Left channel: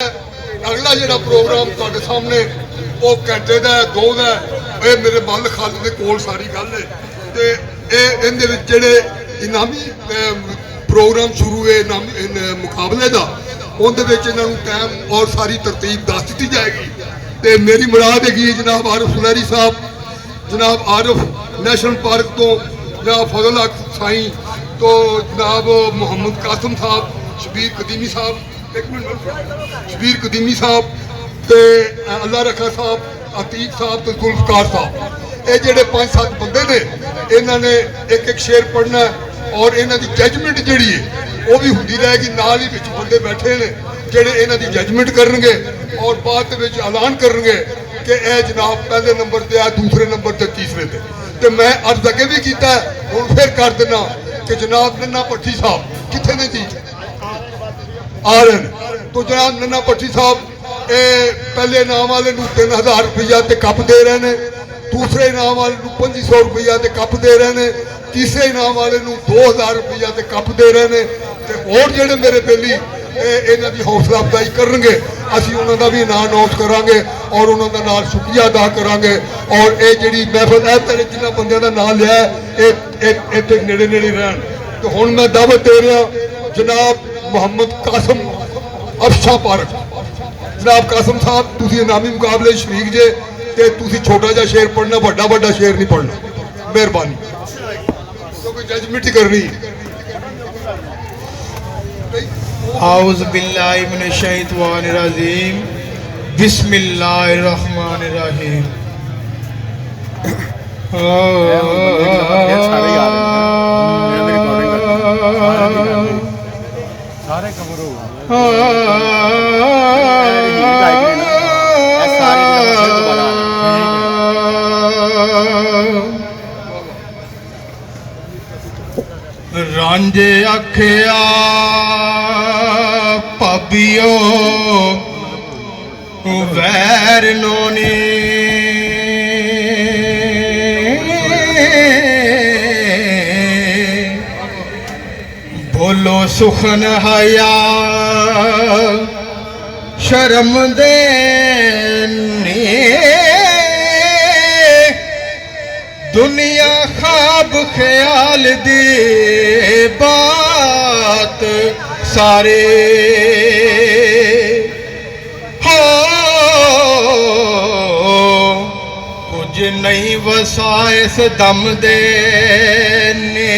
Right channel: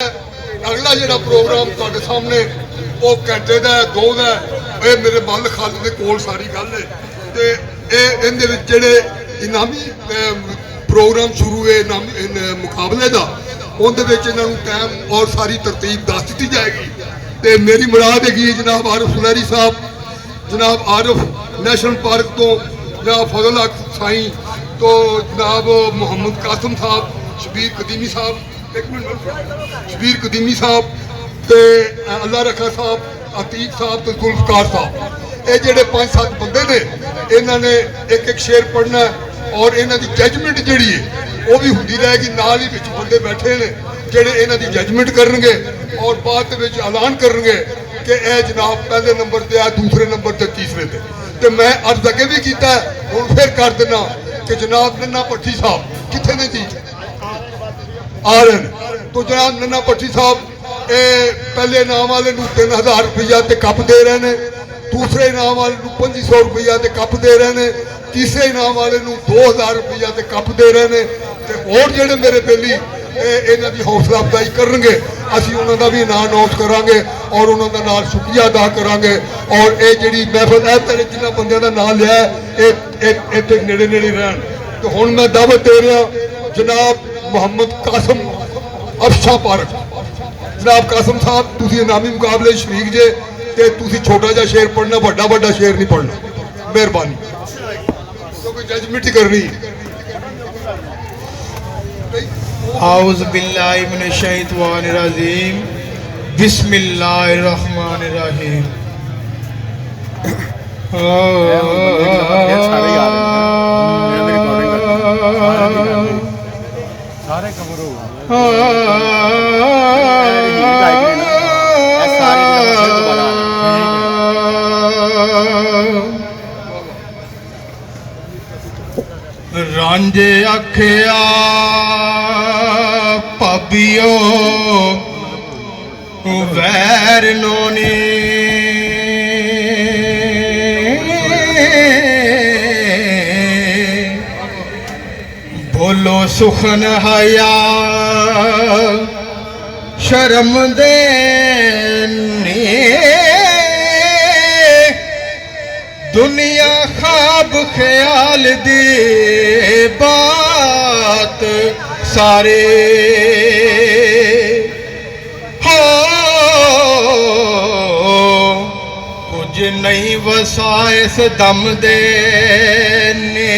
अगला जो प्रोग्राम तुहाडे सामने वो घंटे का दो का ये मेरे बंद खल के कोल सारी गल है तो ये जोड़े इनामी प्रोग्राम शुरू हुए मुकाबले का उन्हें टाइम और सारी तरतीब दस दी जाएगी। तो मेरी मुराद हैगी जनाब आरिफ सुनहरी साहब, जनाब आरिफ नैशनल पार्क तो जनाब फजल हक साई तो जनाब मोहम्मद कासम साहब, शबीर कदीमी साहब, एक मिनट शबीर कदीमी साहब तो अल्लाह रखा साहब, अतीक साहब तो जुल्फकार साहब, ये जोड़े 5-7 बंदे ने इन्होंने एक एक शेर पढ़ना और इन्हों की जजमेंट जी है वो भी होंगी रहेगी। नाल ही बंदे बैठे ने जोड़े इन्हों की जजमेंट करेंगे और बाद ऐलान करेंगे कि यह जनाब पहले नंबर से है, दूसरे नंबर से, तीसरे से। तो मैं अर्ज अगे भी किया हूँ फिर कर देना कि जनाब नन्ना भट्टी साहब कितने ने जी आ रहे हैं। तो जनाब नन्ना भट्टी साहब पहले इनाम वाले 3000 रुपया तो कप दे रहे हैं, दूसरे इनाम वाले 2500 रुपया तो कप दे रहे हैं, तीसरे इनाम वाले 2000 रुपया तो कप दे रहे हैं। तो और जोड़े मेरे बेली इन्हों की हौसला अफजाई करेंगे, असी उन्होंने भी इनाम अनाउंस करांगे और उन्होंने नाल शुक्रिया अदा करांगे। और ये जी महफिल है पहले जिन्होंने बंदों का नाम लिया इतने नेड़े नेड़े रहन। तो हुण मैं दावत दे रहा जनाब मोहम्मद कासम अफशा पार्क, जनाब कासम साहब तुसी इनामी मुकाबले शरीक जे ते तुसी छोटा जा शेर पढ़ना, बड़ा बड़ा शेर नहीं पढ़ना, मेहरबानी क्योंकि जजमेंट ही करनी। आउज़ बिल्लाहि मिनश शैतानिर रजीम, बिस्मिल्लाहिर रहमानिर रहीम। सारे कवर हो रांझे आखिया भाबियो वैर नोनी, बोलो सुखन हया शर्म दे दुनिया ख्वाब ख्याल दी बात सारे हो कुछ नहीं वसा इस दम दे ने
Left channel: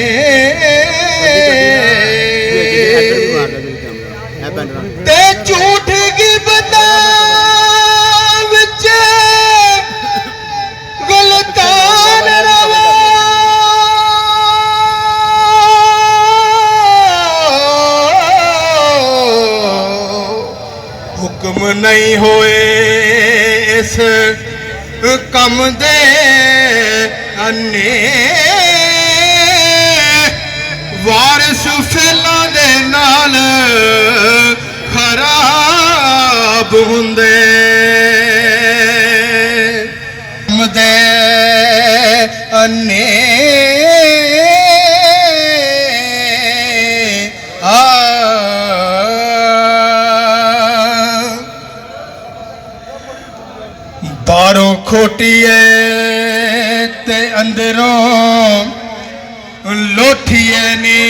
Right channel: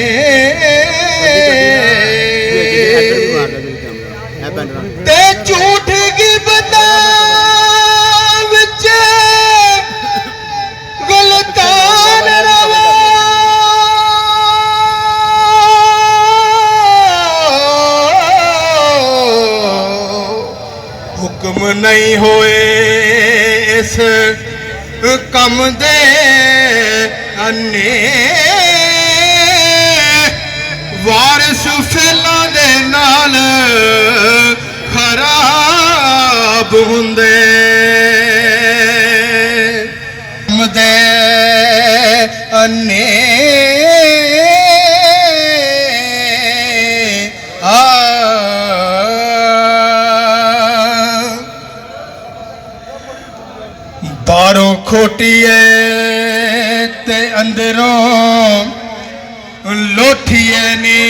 ते झूठ की बता गलतान रवा हुक्म नहीं होए इस कम दे अन्ने वारिस फिला दे नाल खराब हुंदे दे अन्ने बारों खोटी है ते अंदरों लोठिए ने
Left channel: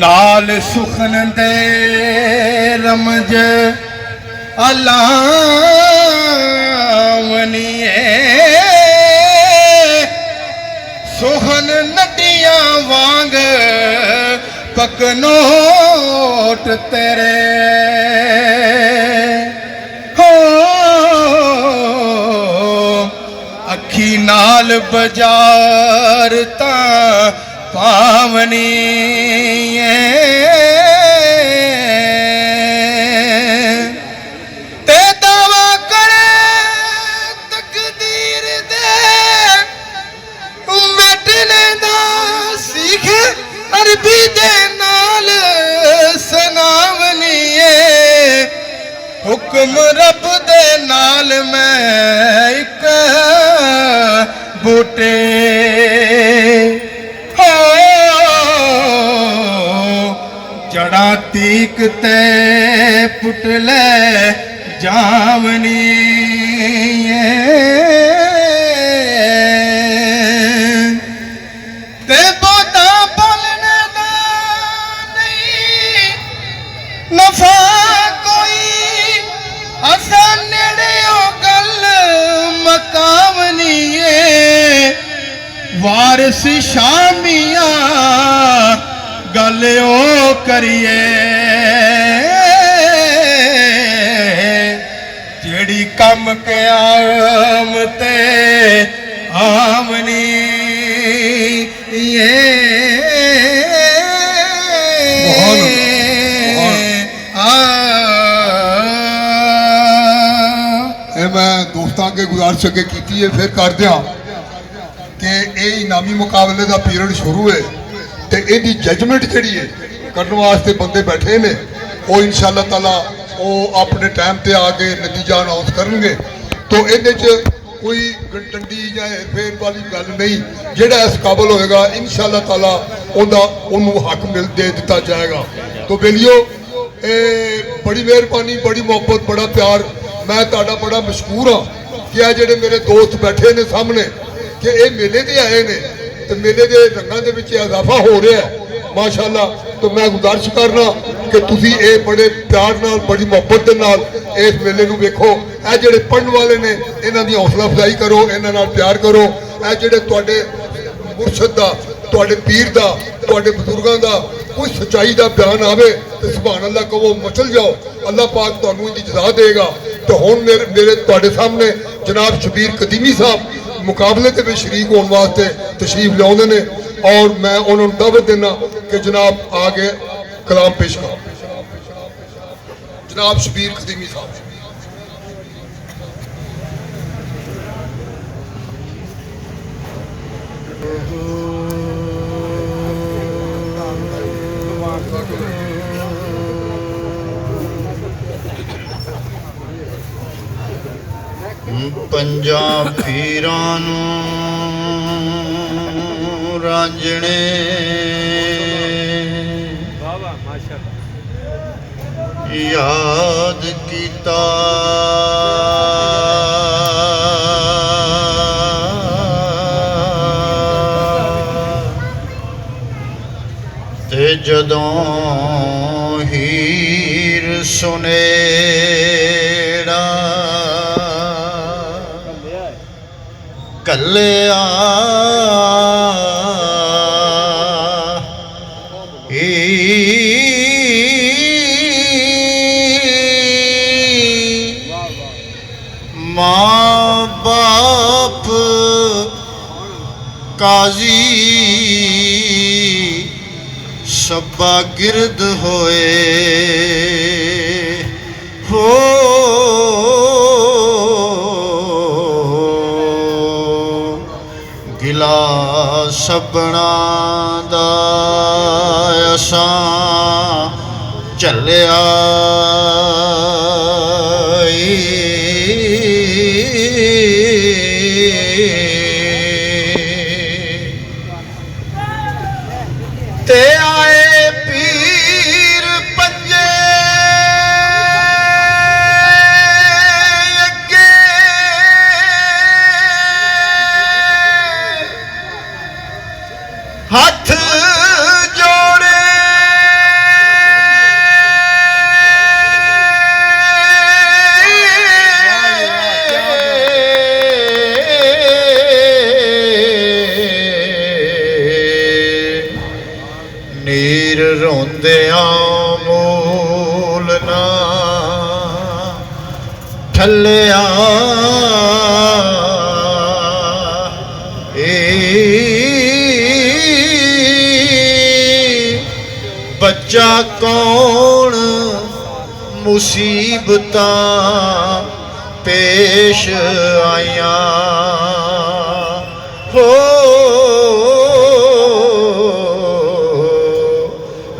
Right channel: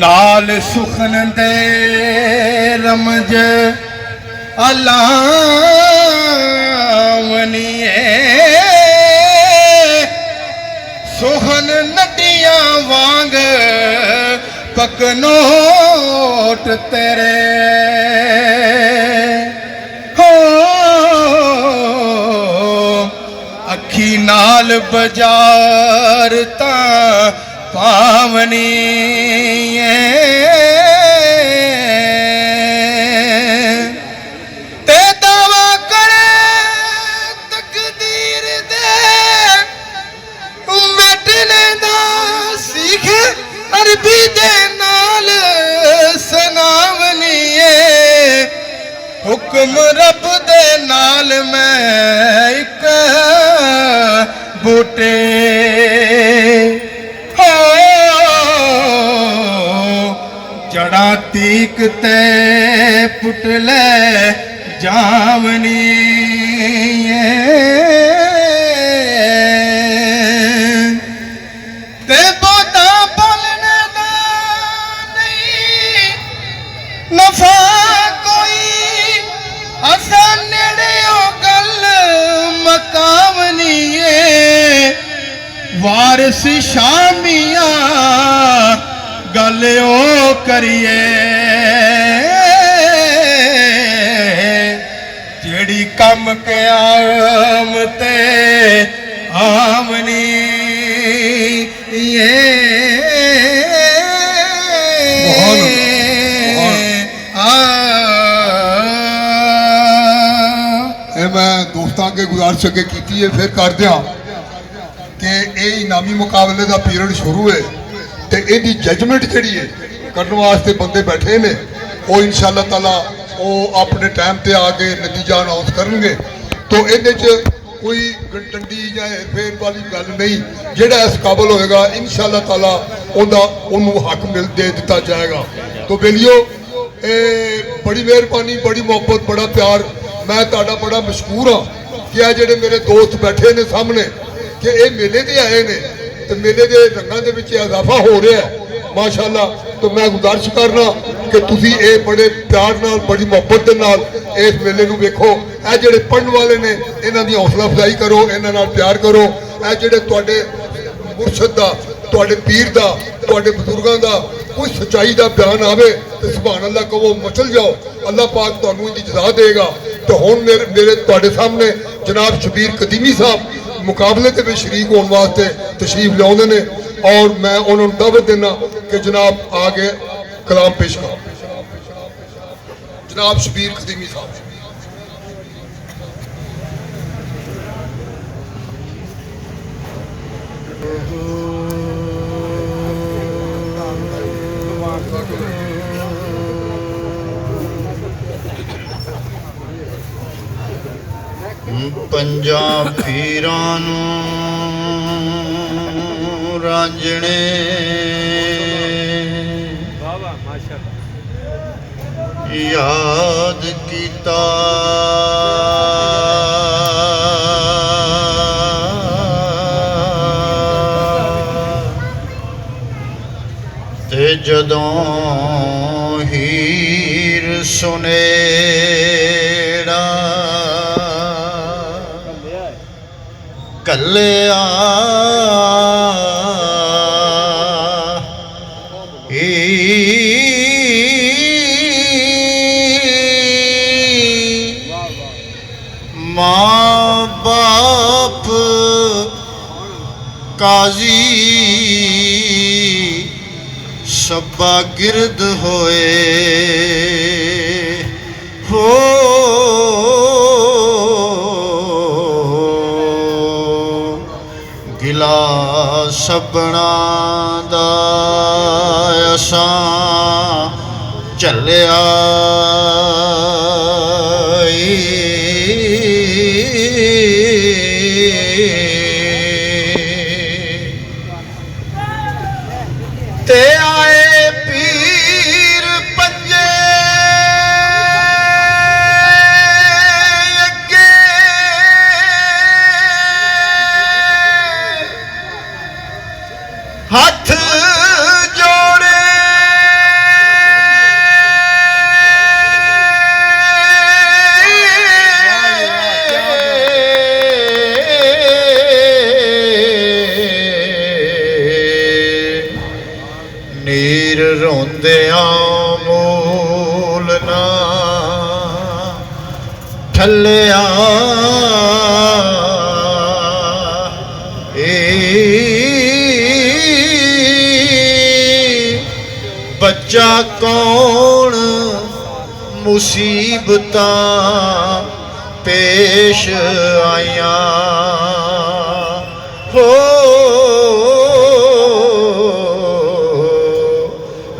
नाल सुखन दे रमज अलावनिए सुहन नदियां वांग पकनोट तेरे हो अखी नाल बाजार ता पावनी ते दावा करे तकदीर दे मिटने दा सीख अरबी दे नाल सनावनी हुक्म रब दे नाल मैं एक बूटे हो बड़ा तीक ते पुटले जावनी ते बोता बोलने दा नहीं नफा कोई असा नेड़े ओ गल मकावनी वारिस शामिया गल ओ करिए जेड़ी कम क़याम ते आमनी मैं दोस्तों अगे गुजारिश अगे की है फिर कर दिया कि ये इनामी मुकाबले का पीरियड शुरू है तो यदी जजमेंट जी है करने वास्ते बंदे बैठे ने वो इंशाअल्लाह ताला वो अपने टाइम पे आके नतीजा अनाउंस करेंगे तो ये कोई डंडी या हेरफेर वाली गल नहीं जेड़ा इस काबल होएगा इंशाअल्लाह ताला उन्होंने हक मिल दे दिता जाएगा। तो बेलियो बड़ी मेहरबानी बड़ी मोहब्बत बड़ा प्यार मैं ताड़ा बड़ा मशहूर हाँ कि आ जेडे मेरे दोस्त बैठे ने सामने कि ये मेले ते आए ने तो मेले के रंगों के विच इजाफा हो रहा है माशाअल्लाह। तो मैं गुजारिश करना कि तुसी ये बड़े प्यार नाल बड़ी मोहब्बत दे नाल इस मेले नूं वेखो। ए जेडे पढ़न वाले ने इन्हां दी हौसला अफजाई करो इन्हां नाल प्यार करो। ए जेडे तुहाडे मुर्शद दा तुहाडे पीर दा तुहाडे बुजुर्गां दा कोई सच्चाई दा बयान आवे तो सुभान अल्लाह कहो मचल जाओ अल्लाह पाक तुहानूं इहदी जज़ा देगा। तो हुण मेरे तुहाडे सामने जनाब शबीर कदीमी साहब मुकाबले के शरीक होने वास्ते तशरीफ लियाउंदे ने और मैं उन्होंने दावत देना कि जनाब आगे कलाम पेश करो। जनाब शबीर कदीमी साहब। पंजाब पीरां नूं रांझणे याद कीता ते जदों हीर सुनेड़ा कल्लिया माँ बाप काजी सब्बा गिरद होए हो गिला सबना दा असां चलिया ते आए पीर पंजे अगे हाथ जोड़े नीर रोंदिया मूल ना ठल्लिया बच्चा कौन मुसीबतां पेश आया हो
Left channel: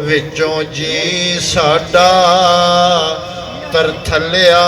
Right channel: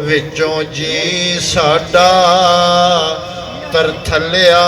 विचों जी साडा तरथलिया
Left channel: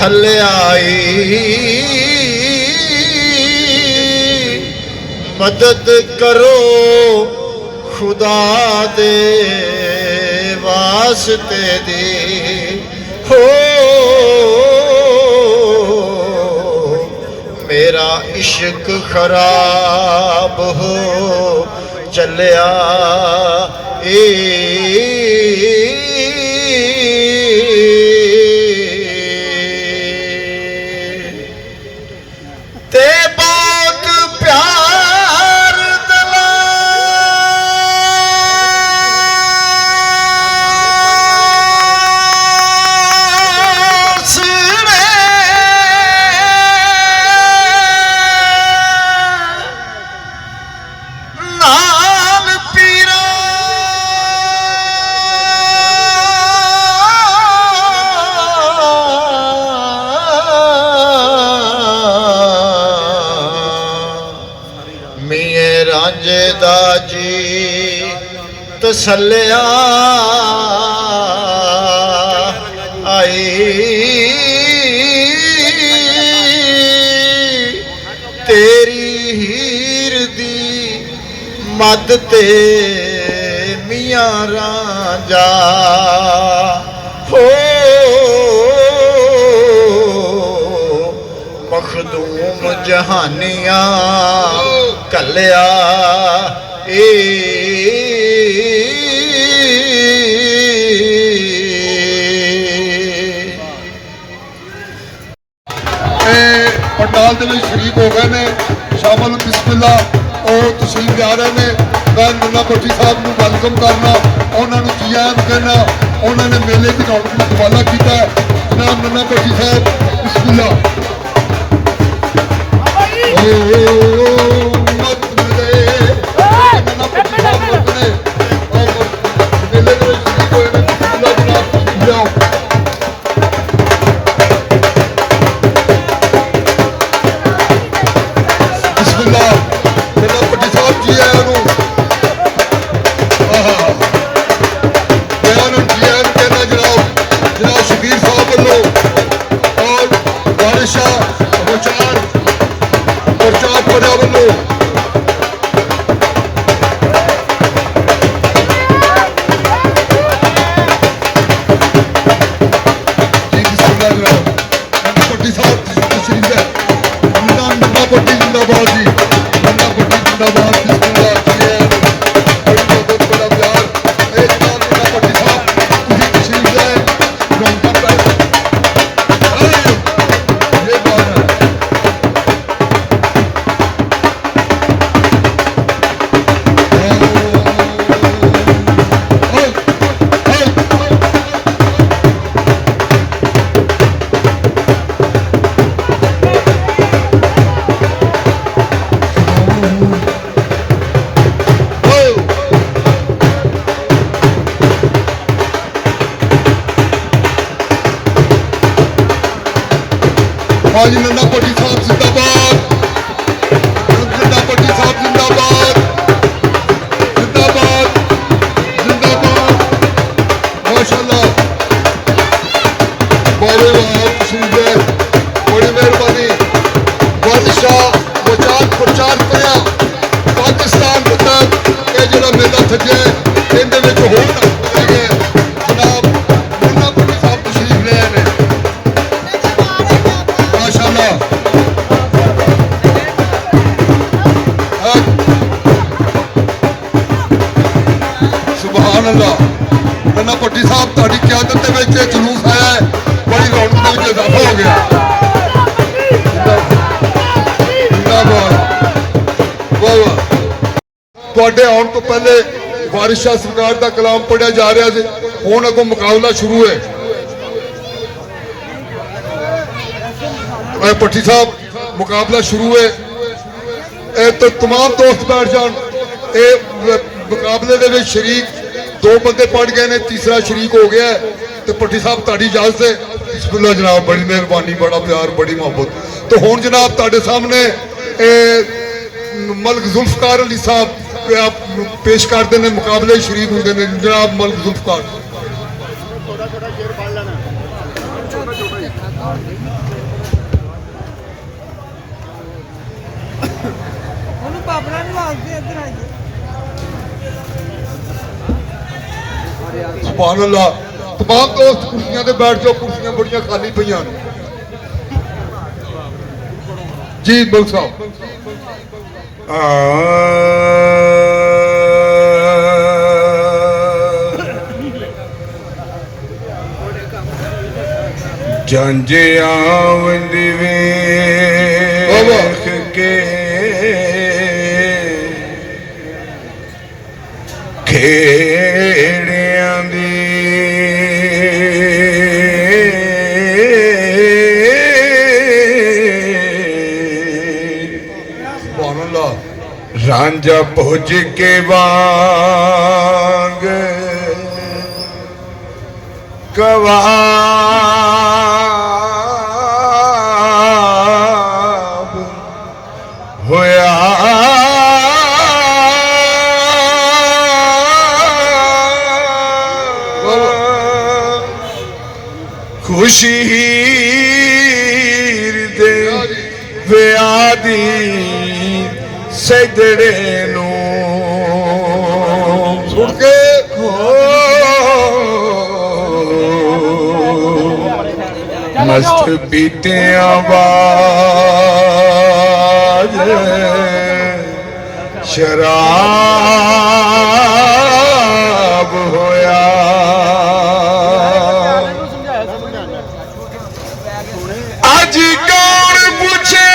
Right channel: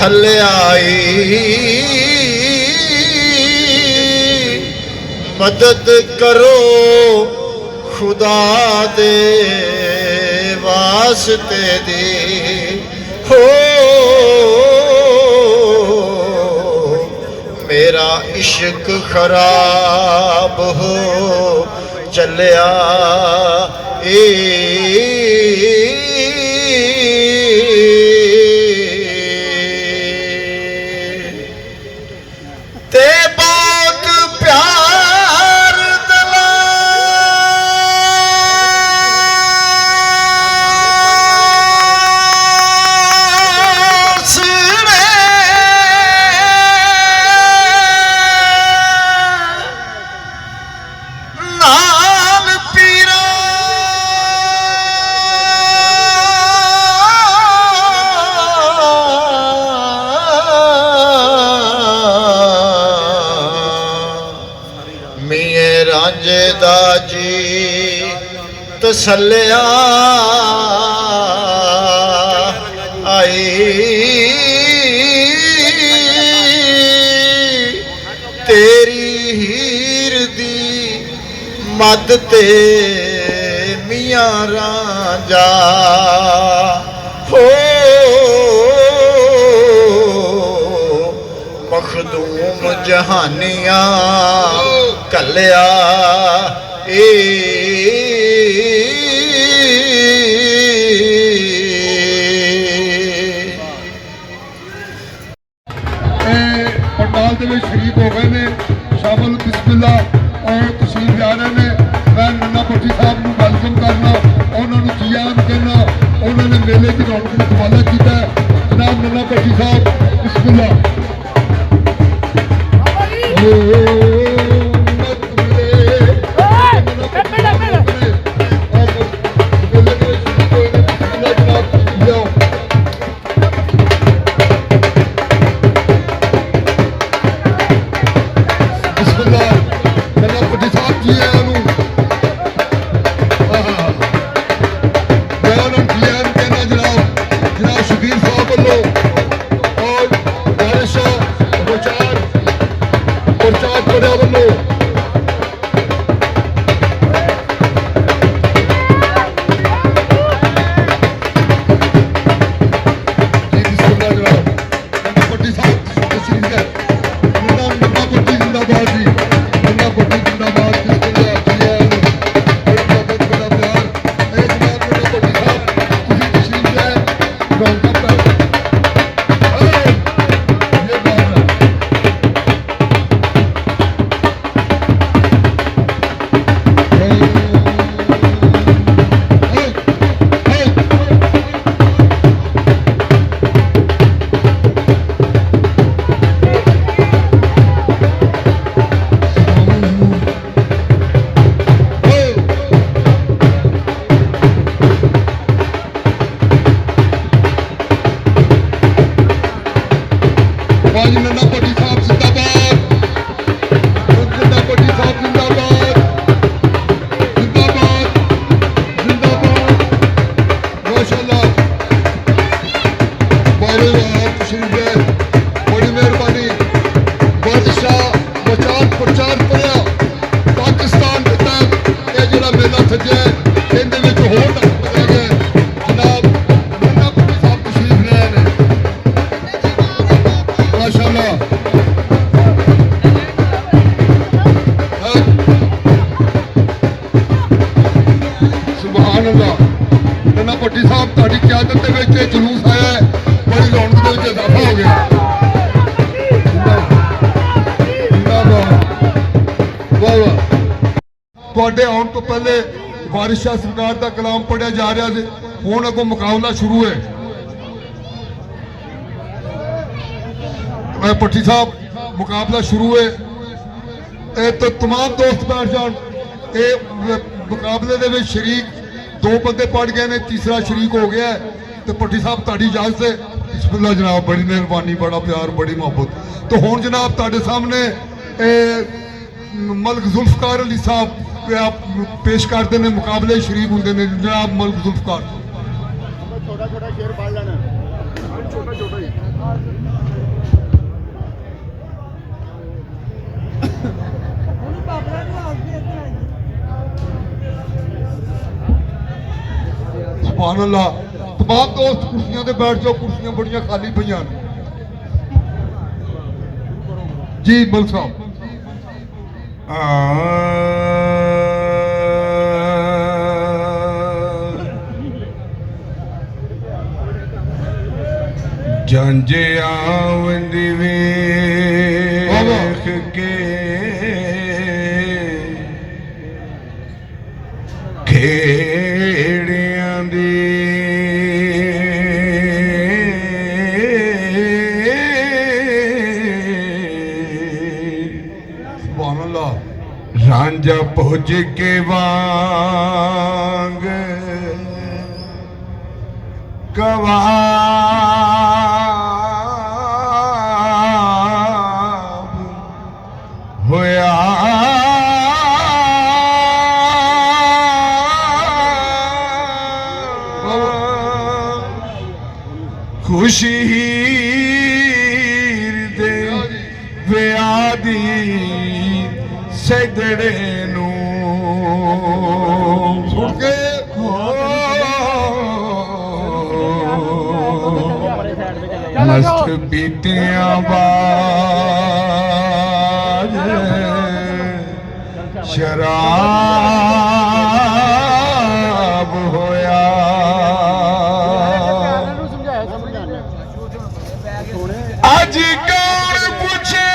थल्ले आई मदद करो खुदा दे वास्ते दी हो मेरा इश्क खराब हो चलिया ते बहुत प्यार दलास ने नाल पीरा मिये रांझे दा जी तसल्लिया आई तेरी हीर दी मद ते मियां रांझा हो मखदूम जहानिया कलिया पंडाल ਦੇ ਵਿੱਚ ਸ਼ਰੀਕ ਹੋ ਗਏ ਨੇ ਸ਼ਾਮਲ ਬਿਸਮਿਲ੍ਲਾ ਉਹ ਤਸ਼ਰੀਫ ਲਿਆ ਰਹੇ ਨੇ ਮੈਂ ਨੰਨਾ ਭੱਟੀ ਸਾਹਿਬ ਨੂੰ ਵੈਲਕਮ ਕਰਨਾ ਉਹਨਾਂ ਨੂੰ ਜੀ ਆਇਆਂ ਕਹਿਣਾ ਉਹਨਾਂ ਨੇ ਮੇਲੇ ਦੀ ਰੌਣਕ ਨੂੰ ਦੁਆਲਾ ਕੀਤਾ ਜਨਾਬ ਨੰਨਾ ਭੱਟੀ ਸਾਹਿਬ ਬਿਸਮਿਲ੍ਲਾ नन्ना भट्टी साहब ਤੁਹਾਡੀ ਕਿਆਦਤ ਦੇ ਵਿੱਚ ਜਲੂਸ ਆਇਆ ਬੜੀ ਰੌਣਕ ਦੇ ਵਿੱਚ ਇਜ਼ਾਫਾ ਹੋ ਗਿਆ ਵਾਹ ਵਾਹ ਤੁਹਾਡੇ ਆਉਣ ਤੋਂ ਪਹਿਲੇ ਵਾਰਿਸ ਸ਼ਾਹ ਸਰਕਾਰ ਦਾ ਕਲਾਮ ਪੜਿਆ ਜਾ ਰਿਹਾ ਸੀ ਹੁਣ ਅੱਗੋਂ ਮੁਕਾਬਲਾ ਸ਼ੁਰੂ ਹੈ भट्टी साहब मुकाबला शुरू है तो तमाम दोस्त बैठ जान मुकाबले दे विच शरीक दो बंदे पड़ गए ने तीसरा शरीक हो गया है तो भट्टी साहब तुहाडी इजाजत है बिस्मिल्लाह जनाब बड़ी मेहरबानी बड़ा प्यार बड़ी मोहब्बत तो हुण जनाब तुहाडे सामने मलिक जुल्फकार अली साहब पेश करते हैं मुकाबले शरीक होंगे ने जनाब मलिक जुल्फकार छोटा छोटा शेर पढ़ लेना छोटा छोटा ਸੁਭਾਨ ਅੱਲਾਹ। तमाम दोस्त कुर्सियां ते बैठ जाओ, कुर्सियां बड़ियां खाली पईयां ने। जी मलिक साहब। ਜਾਂਜੇ ਆਵੰਦ ਵੇਖ ਕੇ ਖੇੜਿਆਂ ਦੀ ਸੁਭਾਨ ਅੱਲਾਹ। ਰਾਂਝਾ ਪੁੱਜ ਕੇ ਵਾਂਗ ਕਵਾਬ ਹੋਇਆ ਖੁਸ਼ੀ ਦੇ ਵਿਆਹ ਦੀ ਸਜੜੇ ਨੂੰ ਸੁਣ ਕੇ ਮਸਤ ਬੀਤਿਆਂ ਬਾਜ ਸ਼ਰਾਬ ਹੋਇਆ ਅੱਜ ਕੌਣ ਪੁੱਛੇ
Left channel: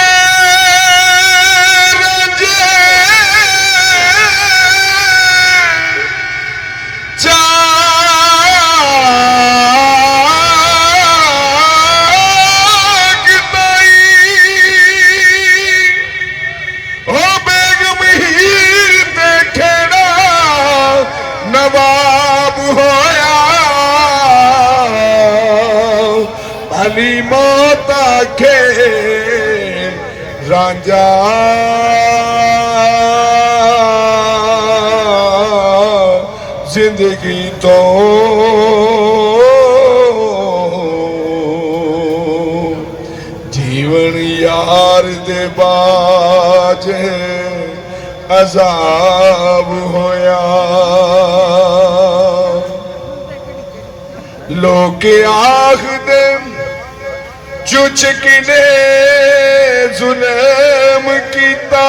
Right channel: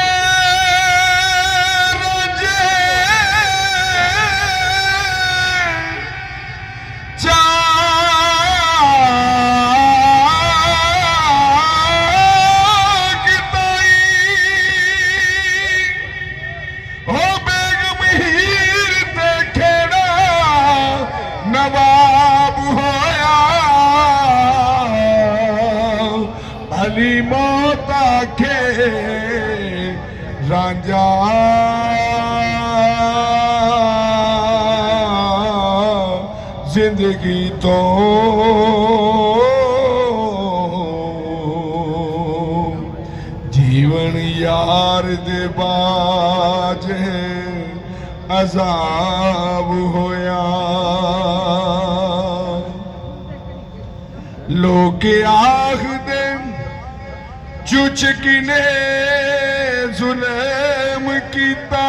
नवाब होया भली मौत आखे रांझा जिंदगी तो जीवन यार दे बाज अजाब होया लोग आखदे चुच किने जुल्म कीता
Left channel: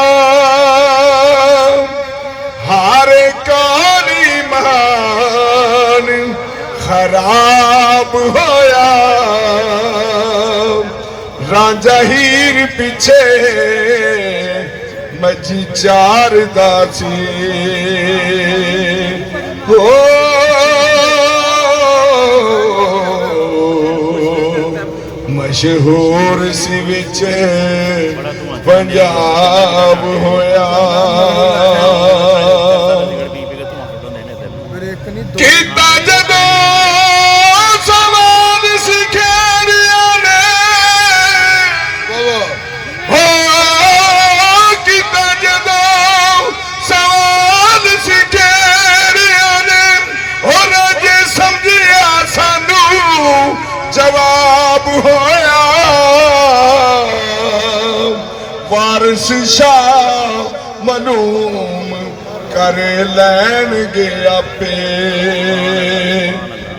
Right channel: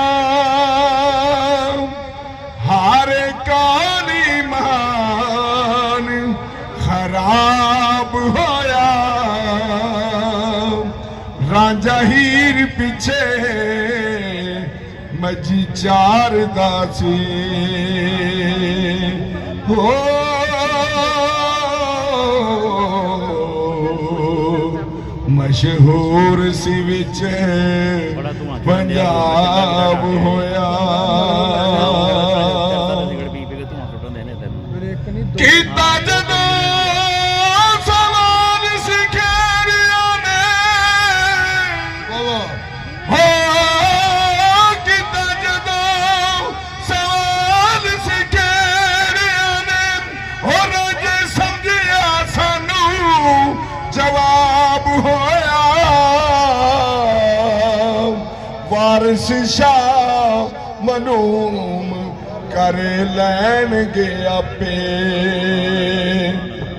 हारे काली मान खराब होया रांझा हीर पीछे मजी चार दासी हो मशहूर सी विच पंजाब होया कीता जदों सवाल सिखेड़ियां ने हो कीता जदों सवाल सिखेड़ियां ने हो जे समझिया सानू जवाब होया वारिस शाह मलूम कर लैणगे आपे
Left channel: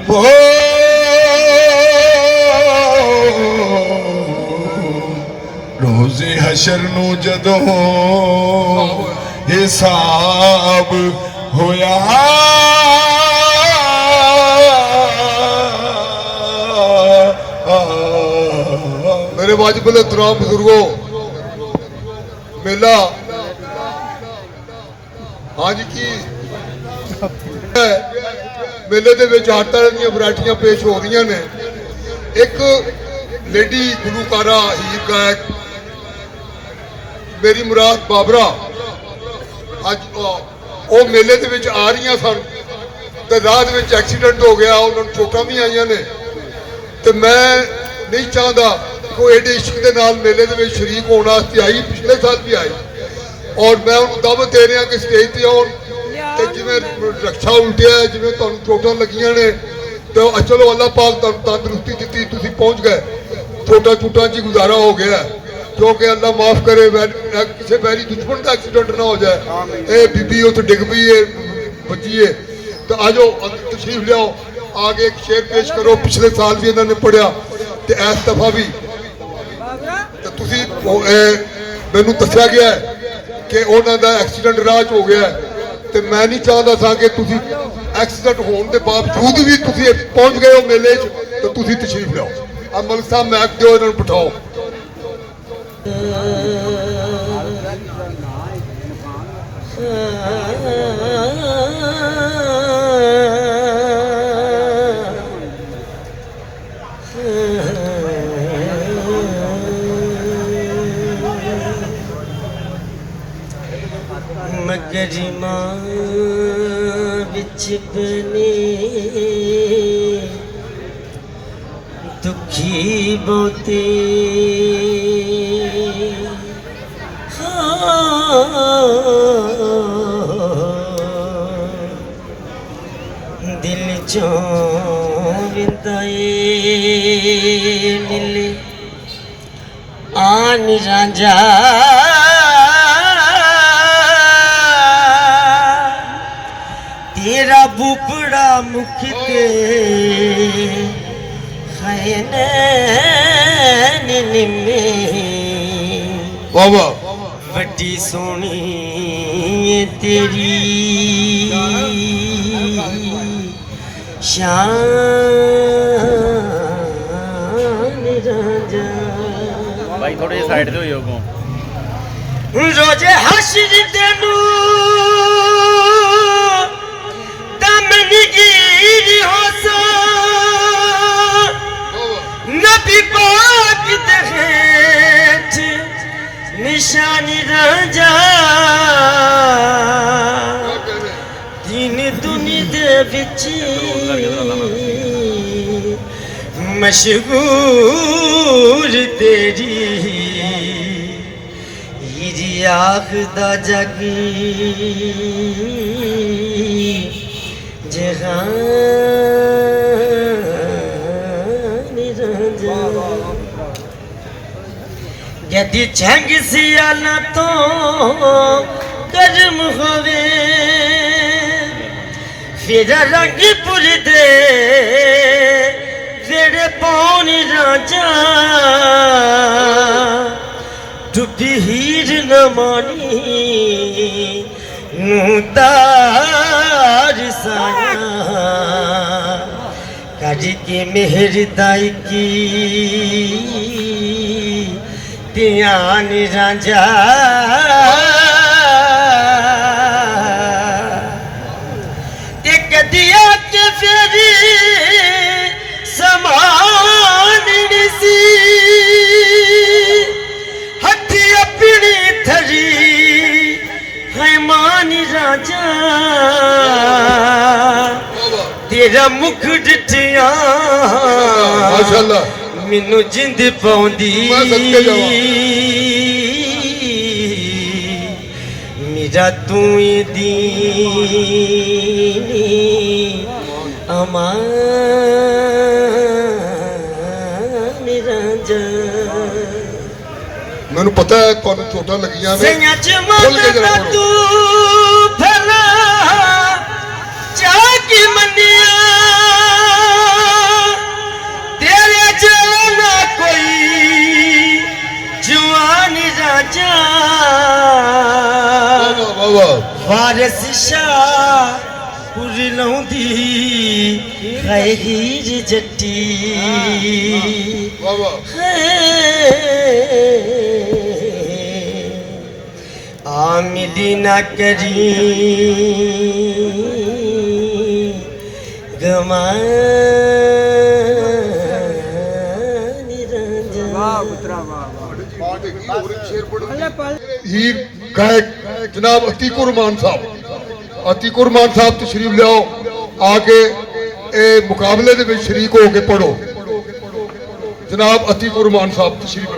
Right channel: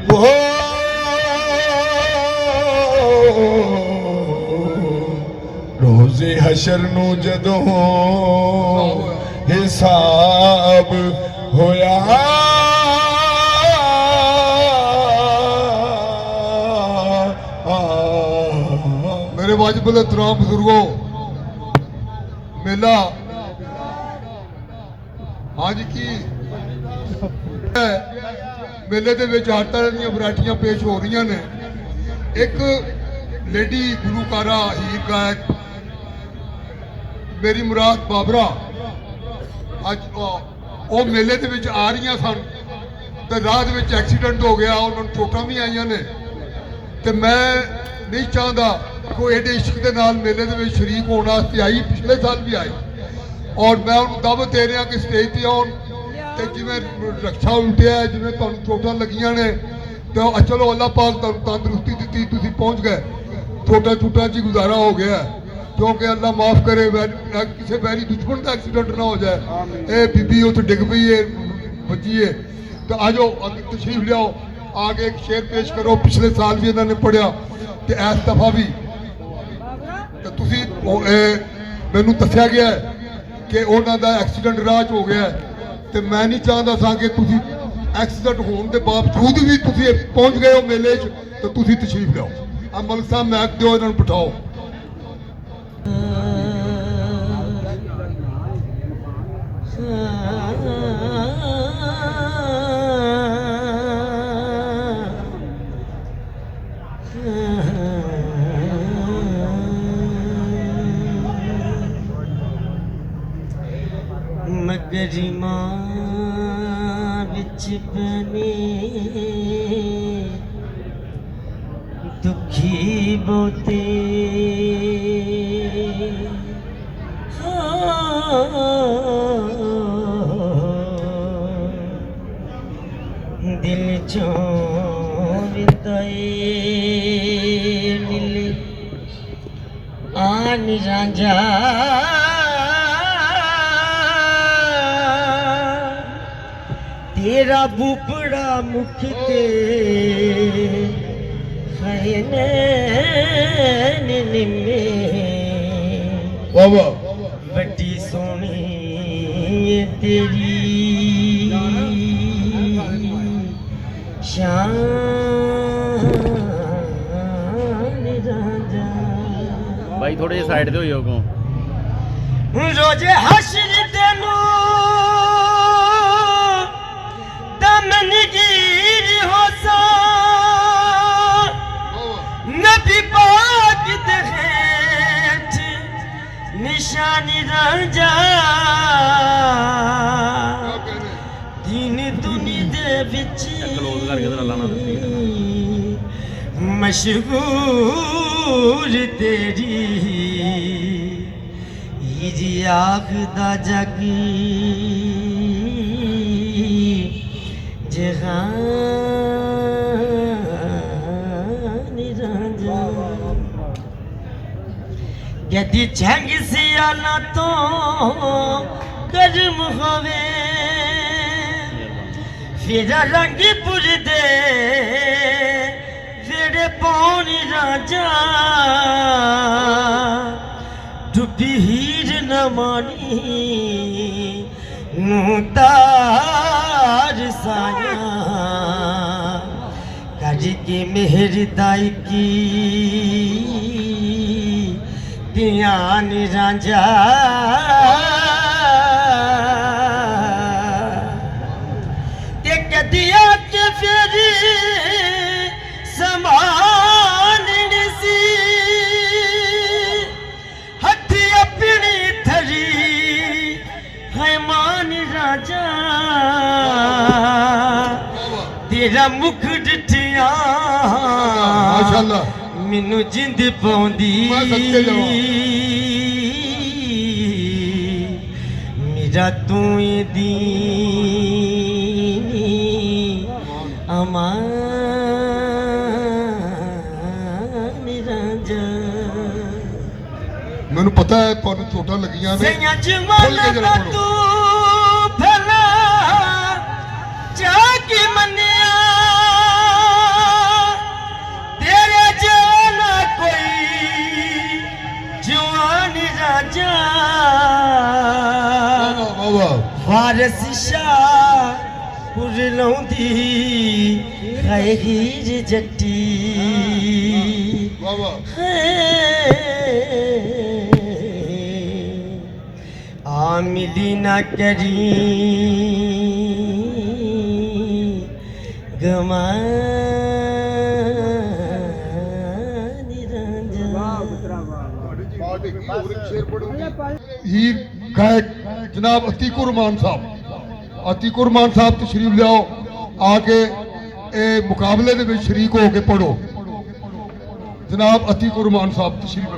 हो रोज़े हशर नू जदों हिसाब होया मेरे वाजिब एहतराम बुजुर्गो मेला हाँ जी की मेले ਦੇ ਵਿੱਚ ਹਰ ਤਰ੍ਹਾਂ ਦੀਆਂ ਵੈਰਾਈਟੀਆਂ ਪੇਸ਼ ਹੋ ਰਹੀਆਂ ਨੇ। ਇੱਕ ਲੇਡੀ ਗੁਲੂਕਾਰਾ ਹੀਰ ਗਾਇਕ ਮੇਰੀ ਮੁਰਾਦ ਬਾਬਰਾ ਅੱਜ ਉਹ ਮੇਲੇ ਦੇ ਵਿੱਚ ਆ ਰਹੀਆਂ ਸਨ ਤੇ ਰਾਹ ਦੇ ਵਿੱਚ ਐਕਸੀਡੈਂਟ ਹੋ ਗਿਆ, ਉਹਨਾਂ ਨੂੰ ਚੋਟਾਂ ਵੀ ਆਈਆਂ ਨੇ ਤੇ ਮੈਂ ਨਹੀਂ ਚਾਹੁੰਦਾ ਕੋਈ ਏਡੇ ਇਸ਼ਕ ਦੇ ਨਾਲ ਮੇਲੇ ਦੇ ਵਿੱਚ ਸ਼ਰੀਕ ਹੋਣ ਵਾਸਤੇ ਆਈ, ਪਿਛਲੇ ਸਾਲ ਵੀ ਆਈ ਔਰ ਮੈਂ ਉਹਨੂੰ ਦਾਅਵਤ ਦੇ ਰਿਹਾ ਕਿ ਸਟੇਜ ਤੇ ਆਉਣ ਤੇ ਜਿਵੇਂ ਰਕਸ਼ਾ ਉਲਟਿਆ, ਜਿਵੇਂ ਤੁਹਾਨੂੰ ਚੋਟਾਂ ਲੱਗੀਆਂ ਨੇ ਤੇ ਚਲੋ ਅੱਲਾਹ ਪਾਕ ਤੁਹਾਨੂੰ ਤੰਦਰੁਸਤੀ ਦਿੱਤੀ, ਤੁਸੀਂ ਪਹੁੰਚ ਗਏ छोटा छूटा जी गुजारा हो गया क्योंकि अल्लाह माफ करे किसी वैरी दुश्मन का एक्सीडेंट ना हो जाए। ये बीबी उत डिग पई है बची है तो आ जाओ तशरीफ लियाओ आगे एक शेर पेश करो। पिछले साल भी इन्होंने पढ़िया तो इस दफा भी तो तुसी मैनू दस्या गया है कि उन्हों का एक्सीडेंट राह च हो गया है तो मैं नहीं चाहता था कि तुसी एक्सीडेंट होने के बावजूद भी तुसी पहुंच गए हो मेले च तो तुसी तशरीफ लियाओ। अब मलिक साहब मैक दो इन्होंने बिठाओ। मगरिमा बिच बने दुखी बोते दिल चो नीले आन राजा तेरा बुपड़ा मुख ते निमे बड़ी सोनी तेरी शान राजा। भाई थोड़े साइड ते होइयो को रोजे हश्र तेनू दमनगीर होसा नबी पाक दे हेठ निशानी राजा दिन दुनी दे विच मशहूर तेरी हिरी आखदा जग जहान राजा। यदि जंग सियाला तो गर्म होवे फिर रंग पुर दे वेड़े पौनी राजा डुबी हीर न मानी मुतार साया काजी की मेहर दाई की ध्यान राजा दिया के फेरी समान सी हथ अपनी थरी है मान राजा तेरा मुख डिठिया माशाअल्लाह मैनू जिंद पाउंदी मेरा तू दी अमान राजा। मैनू पता है तुहानू चोटां लगियां ने सैया खुल के जमाना जरा पढ़ो। तू भला जाके मनिया तेरे जाना कोई जवान राजा वाह वाह वारिस शाह पुरलौंदी खैर जट्टी वाह वाह आमिदी न करी गमान हीर गायक जनाब अतीकुर मान साहब तशरीफ लियाओ आके ए मुकाबले दे विच शरीक हो के पढ़ो। जनाब अतीकुर मान साहब तशरीफ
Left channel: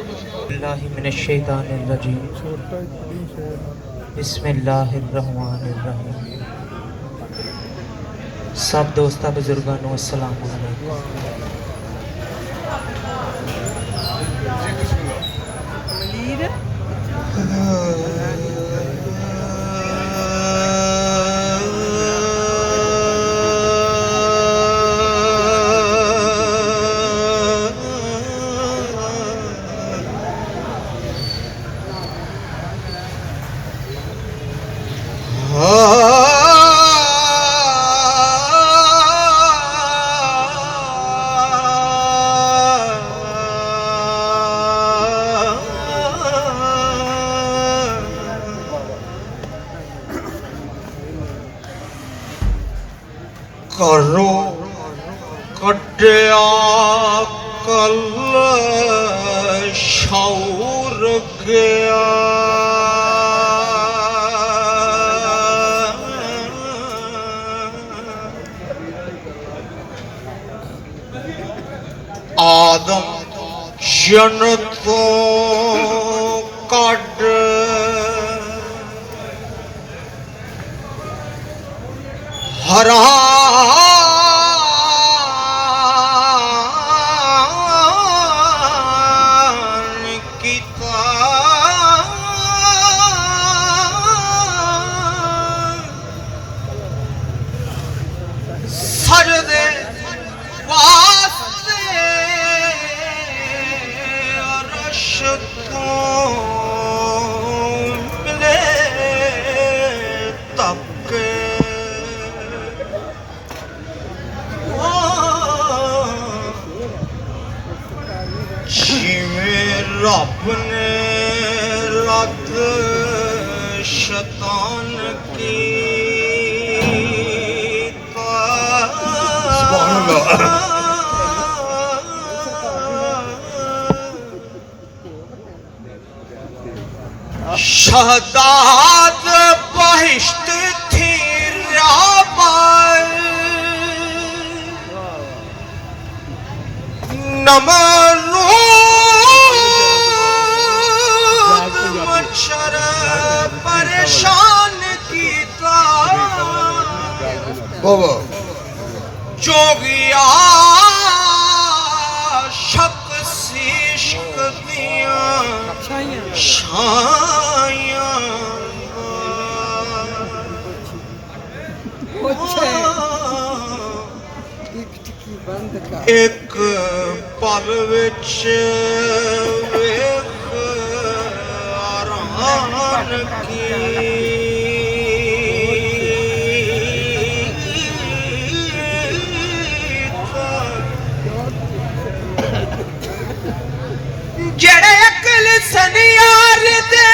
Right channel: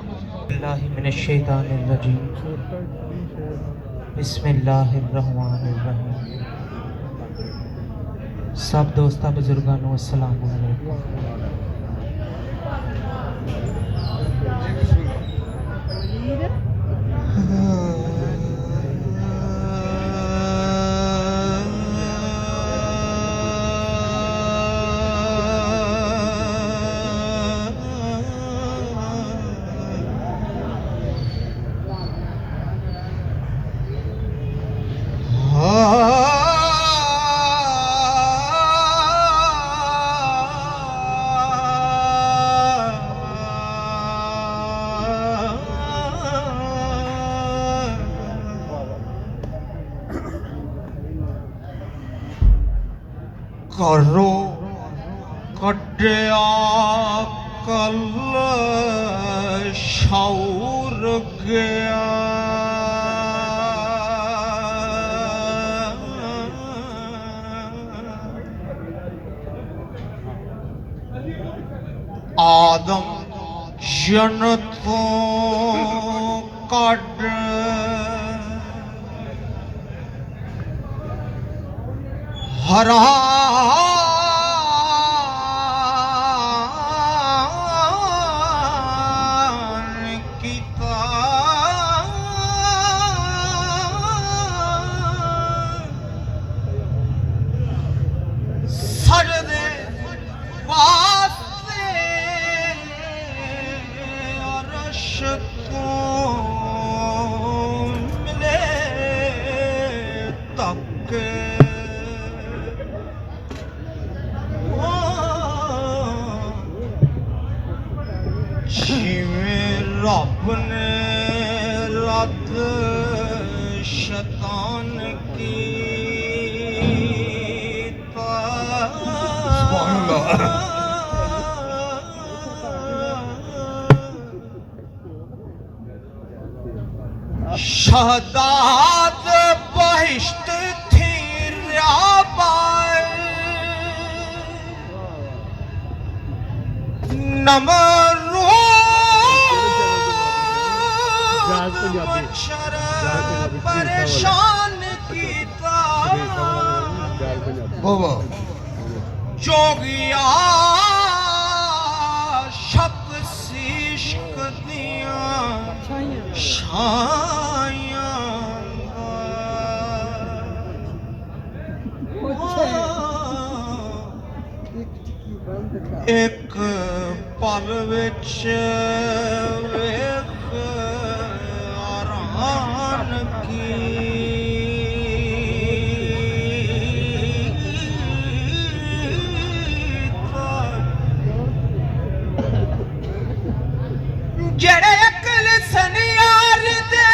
बिस्मिल्लाहिर्रहमानिर्रहीम। सब दोस्तां बुजुर्गां नूं अस्सलाम वालेकुम। ਵੀਰ ਘਰੋਂ ਕੱਢਿਆ ਕੱਲ ਸ਼ੌਰ ਗਿਆ ਆਦਮ ਜਨ ਤੋਂ ਕੱਢ ਹਰਾਨ ਕੀਤਾ ਸਜਦੇ ਵਾਸਤੇ ਅਰਸ਼ ਤੋਂ ਮਿਲੇ ਤੱਕ ਜਿਵੇਂ ਰੱਬ ਨੇ ਰੱਦ ਸ਼ੈਤਾਨ ਕੀਤਾ ਸੁਭਾਨ ਅੱਲਾਹ। ਸ਼ਹਦਾਦ ਬਹਿਸ਼ਤ ਥੀ ਰਾਬਾਏ नमरूद मच्छर परेशान कीता बाबा जोगिया शक इश्क दिया छाया एक पल विच वेख आरान जड़े अकल सनियार दे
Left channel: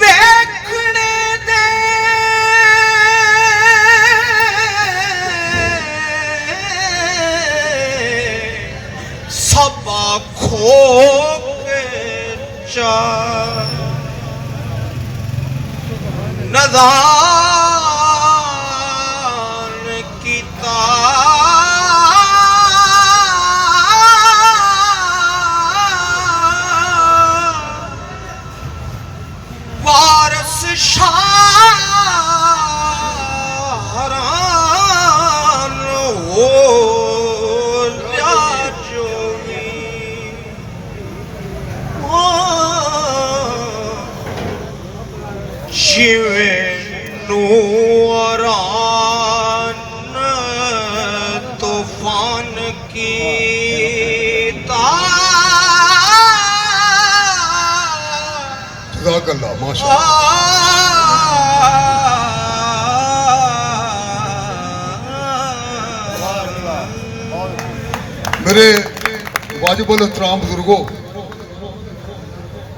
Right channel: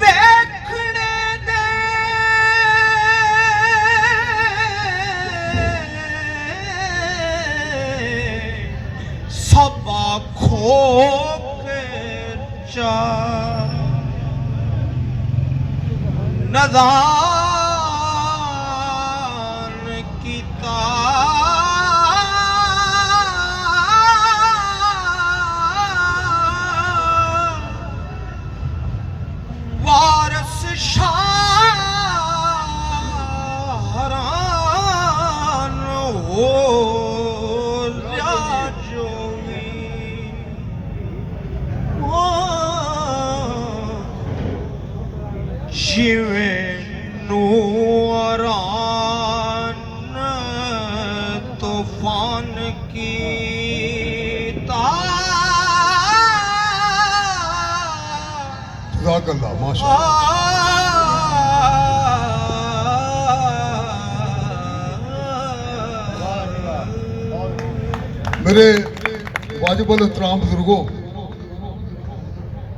देखने दे सबा खो के चा नदान कीता वारस शाहरान हो जोगी जिवे नूरान तूफान की जज़ाक अल्लाह माशाअल्लाह। मेरे वाजिबुल एहतराम बुजुर्गों,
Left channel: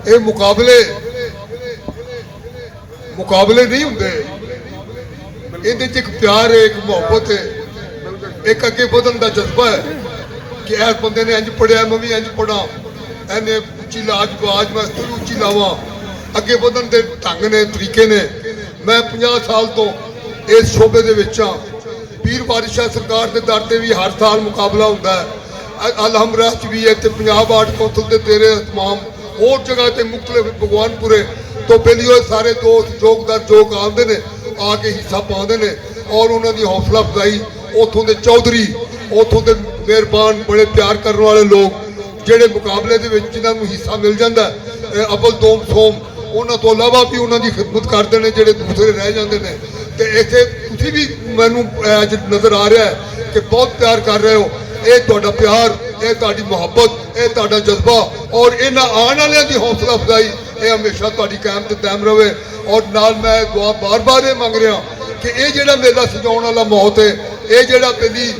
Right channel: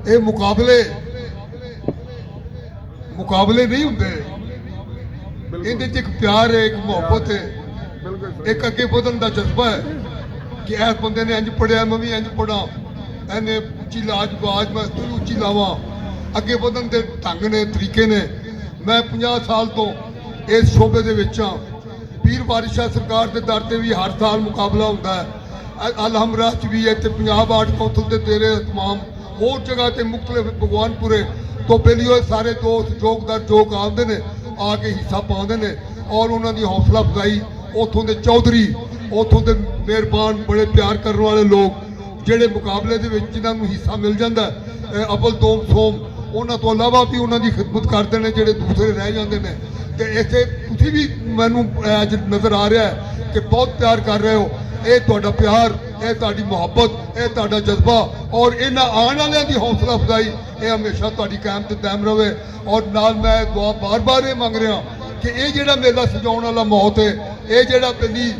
ये मुकाबले नहीं होंगे। ਇਹਦੇ ਚ ਇੱਕ ਪਿਆਰ ਹੈ, ਇੱਕ ਮੁਹੱਬਤ ਹੈ, ਇੱਕ ਅੱਗੇ ਵਧਣ ਦਾ ਜਜ਼ਬਾ ਹੈ ਕਿ ਇਸ ਬੰਦੇ ਨੇ ਇੰਜ ਪੜਿਆ ਮੈਂ ਵੀ ਇੰਜ ਪੜਾਂ, ਇਹਨੇ ਉੱਚੀ ਆਵਾਜ਼ ਮੈਂ ਇਸ ਤੋਂ ਉੱਚੀ ਲਾਵਾਂ। ਅੱਗੇ ਵਧਣ ਦੇ ਢੰਗ ਨੇ, ਤਰੀਕੇ ਨੇ। ਮੈਂ 50 ਸਾਲ ਤੋਂ ਇਸ ਸ਼ੋਬੇ ਦੇ ਵਿੱਚ ਹਾਂ। ਪੀਰ ਬਾਦਸ਼ਾਹ ਸਰਕਾਰ ਦੇ ਦਰ ਤੇ ਵੀ ਹਰ ਸਾਲ ਮੁਕਾਬਲਾ ਹੁੰਦਾ ਹੈ। ਅਲਹਮਰਾ ਚ ਵੀ ਹੈ ਤੇ ਪੰਜਾਬ ਆਰਟ ਕੌਂਸਲ ਦੇ ਤੇਰੇ ਤਮਾਮ ਹੋਰ ਜਗ੍ਹਾ ਤੇ ਮੁਖਤਲਿਫ ਭਗਵਾਨਪੁਰੇ ਤੋਂ ਪਹਿਲੀਓ ਸਾਰੇ ਦੋਸਤ ਜੋਗਦਾਰ ਜੋਗ ਆਉਂਦੇ ਨੇ, ਆ ਕੇ ਹਿੱਸਾ ਪਾਉਂਦੇ ਨੇ ਔਰ ਉਹਨਾਂ ਦੀ ਹੌਸਲਾ ਅਫਜ਼ਾਈ ਉੱਥੋਂ ਦੇ ਚੌਧਰੀ, ਉੱਥੋਂ ਦੇ ਮਿਹਰਬਾਨ ਬੜੇ ਪਿਆਰ ਕਰਨ ਵਾਲੇ ਲੋਕ ਜਿਹੜੇ ਮੁਕਾਬਲੇ ਦੇ ਵਿੱਚ ਜਿਨ੍ਹਾਂ ਨੂੰ ਹਿੱਸਾ ਮਿਲ ਜਾਂਦਾ ਅਵਲ ਦੋਮ ਸੋਮ, ਉਹਨਾਂ ਤੋਂ ਇਲਾਵਾ ਵੀ ਉਹਨਾਂ ਦੀ ਖਿਦਮਤ ਕਰਦੇ ਨੇ ਜਿਹੜੇ ਦੂਸਰੇ ਰਹਿ ਜਾਂਦੇ ਨੇ। ਤੇ ਇੱਥੇ ਤੁਸੀਂ ਵੀ ਮੈਨੂੰ ਅੱਜ ਨਜ਼ਰ ਆ ਰਿਹਾ ਹੈ ਕਿ ਬਹੁਤ ਪਿਆਰ ਕਰ ਰਹੇ ਹੋ। ਇਹ ਤੁਹਾਡਾ ਪਿਆਰ, ਇਹ ਤੁਹਾਡੀ ਮੁਹੱਬਤ, ਇਹ ਤੁਹਾਡਾ ਜਜ਼ਬਾ ਔਰ ਇਹਨਾਂ ਆਉਣ ਵਾਲਿਆਂ ਦੀ ਹੌਸਲਾ ਅਫਜ਼ਾਈ ਇਹ ਹਮੇਸ਼ਾ ਤੁਹਾਡੀ ਕਾਇਮ ਤੇ ਕਾਇਮ ਰਵੇ। ਔਰ ਨਾਲ ਮੈਂ ਦੁਆ ਬਾਰ-ਬਾਰ ਇਹ ਮੰਗ ਰਿਹਾ ਕਿ ਇਹ ਜਿਹੜਾ ਮੇਲਾ ਸਜਾਉਣ ਵਾਲਾ ਮੌਤ ਹੈ, ਇਹ ਜਿਹੜਾ ਪਹਿਲੀ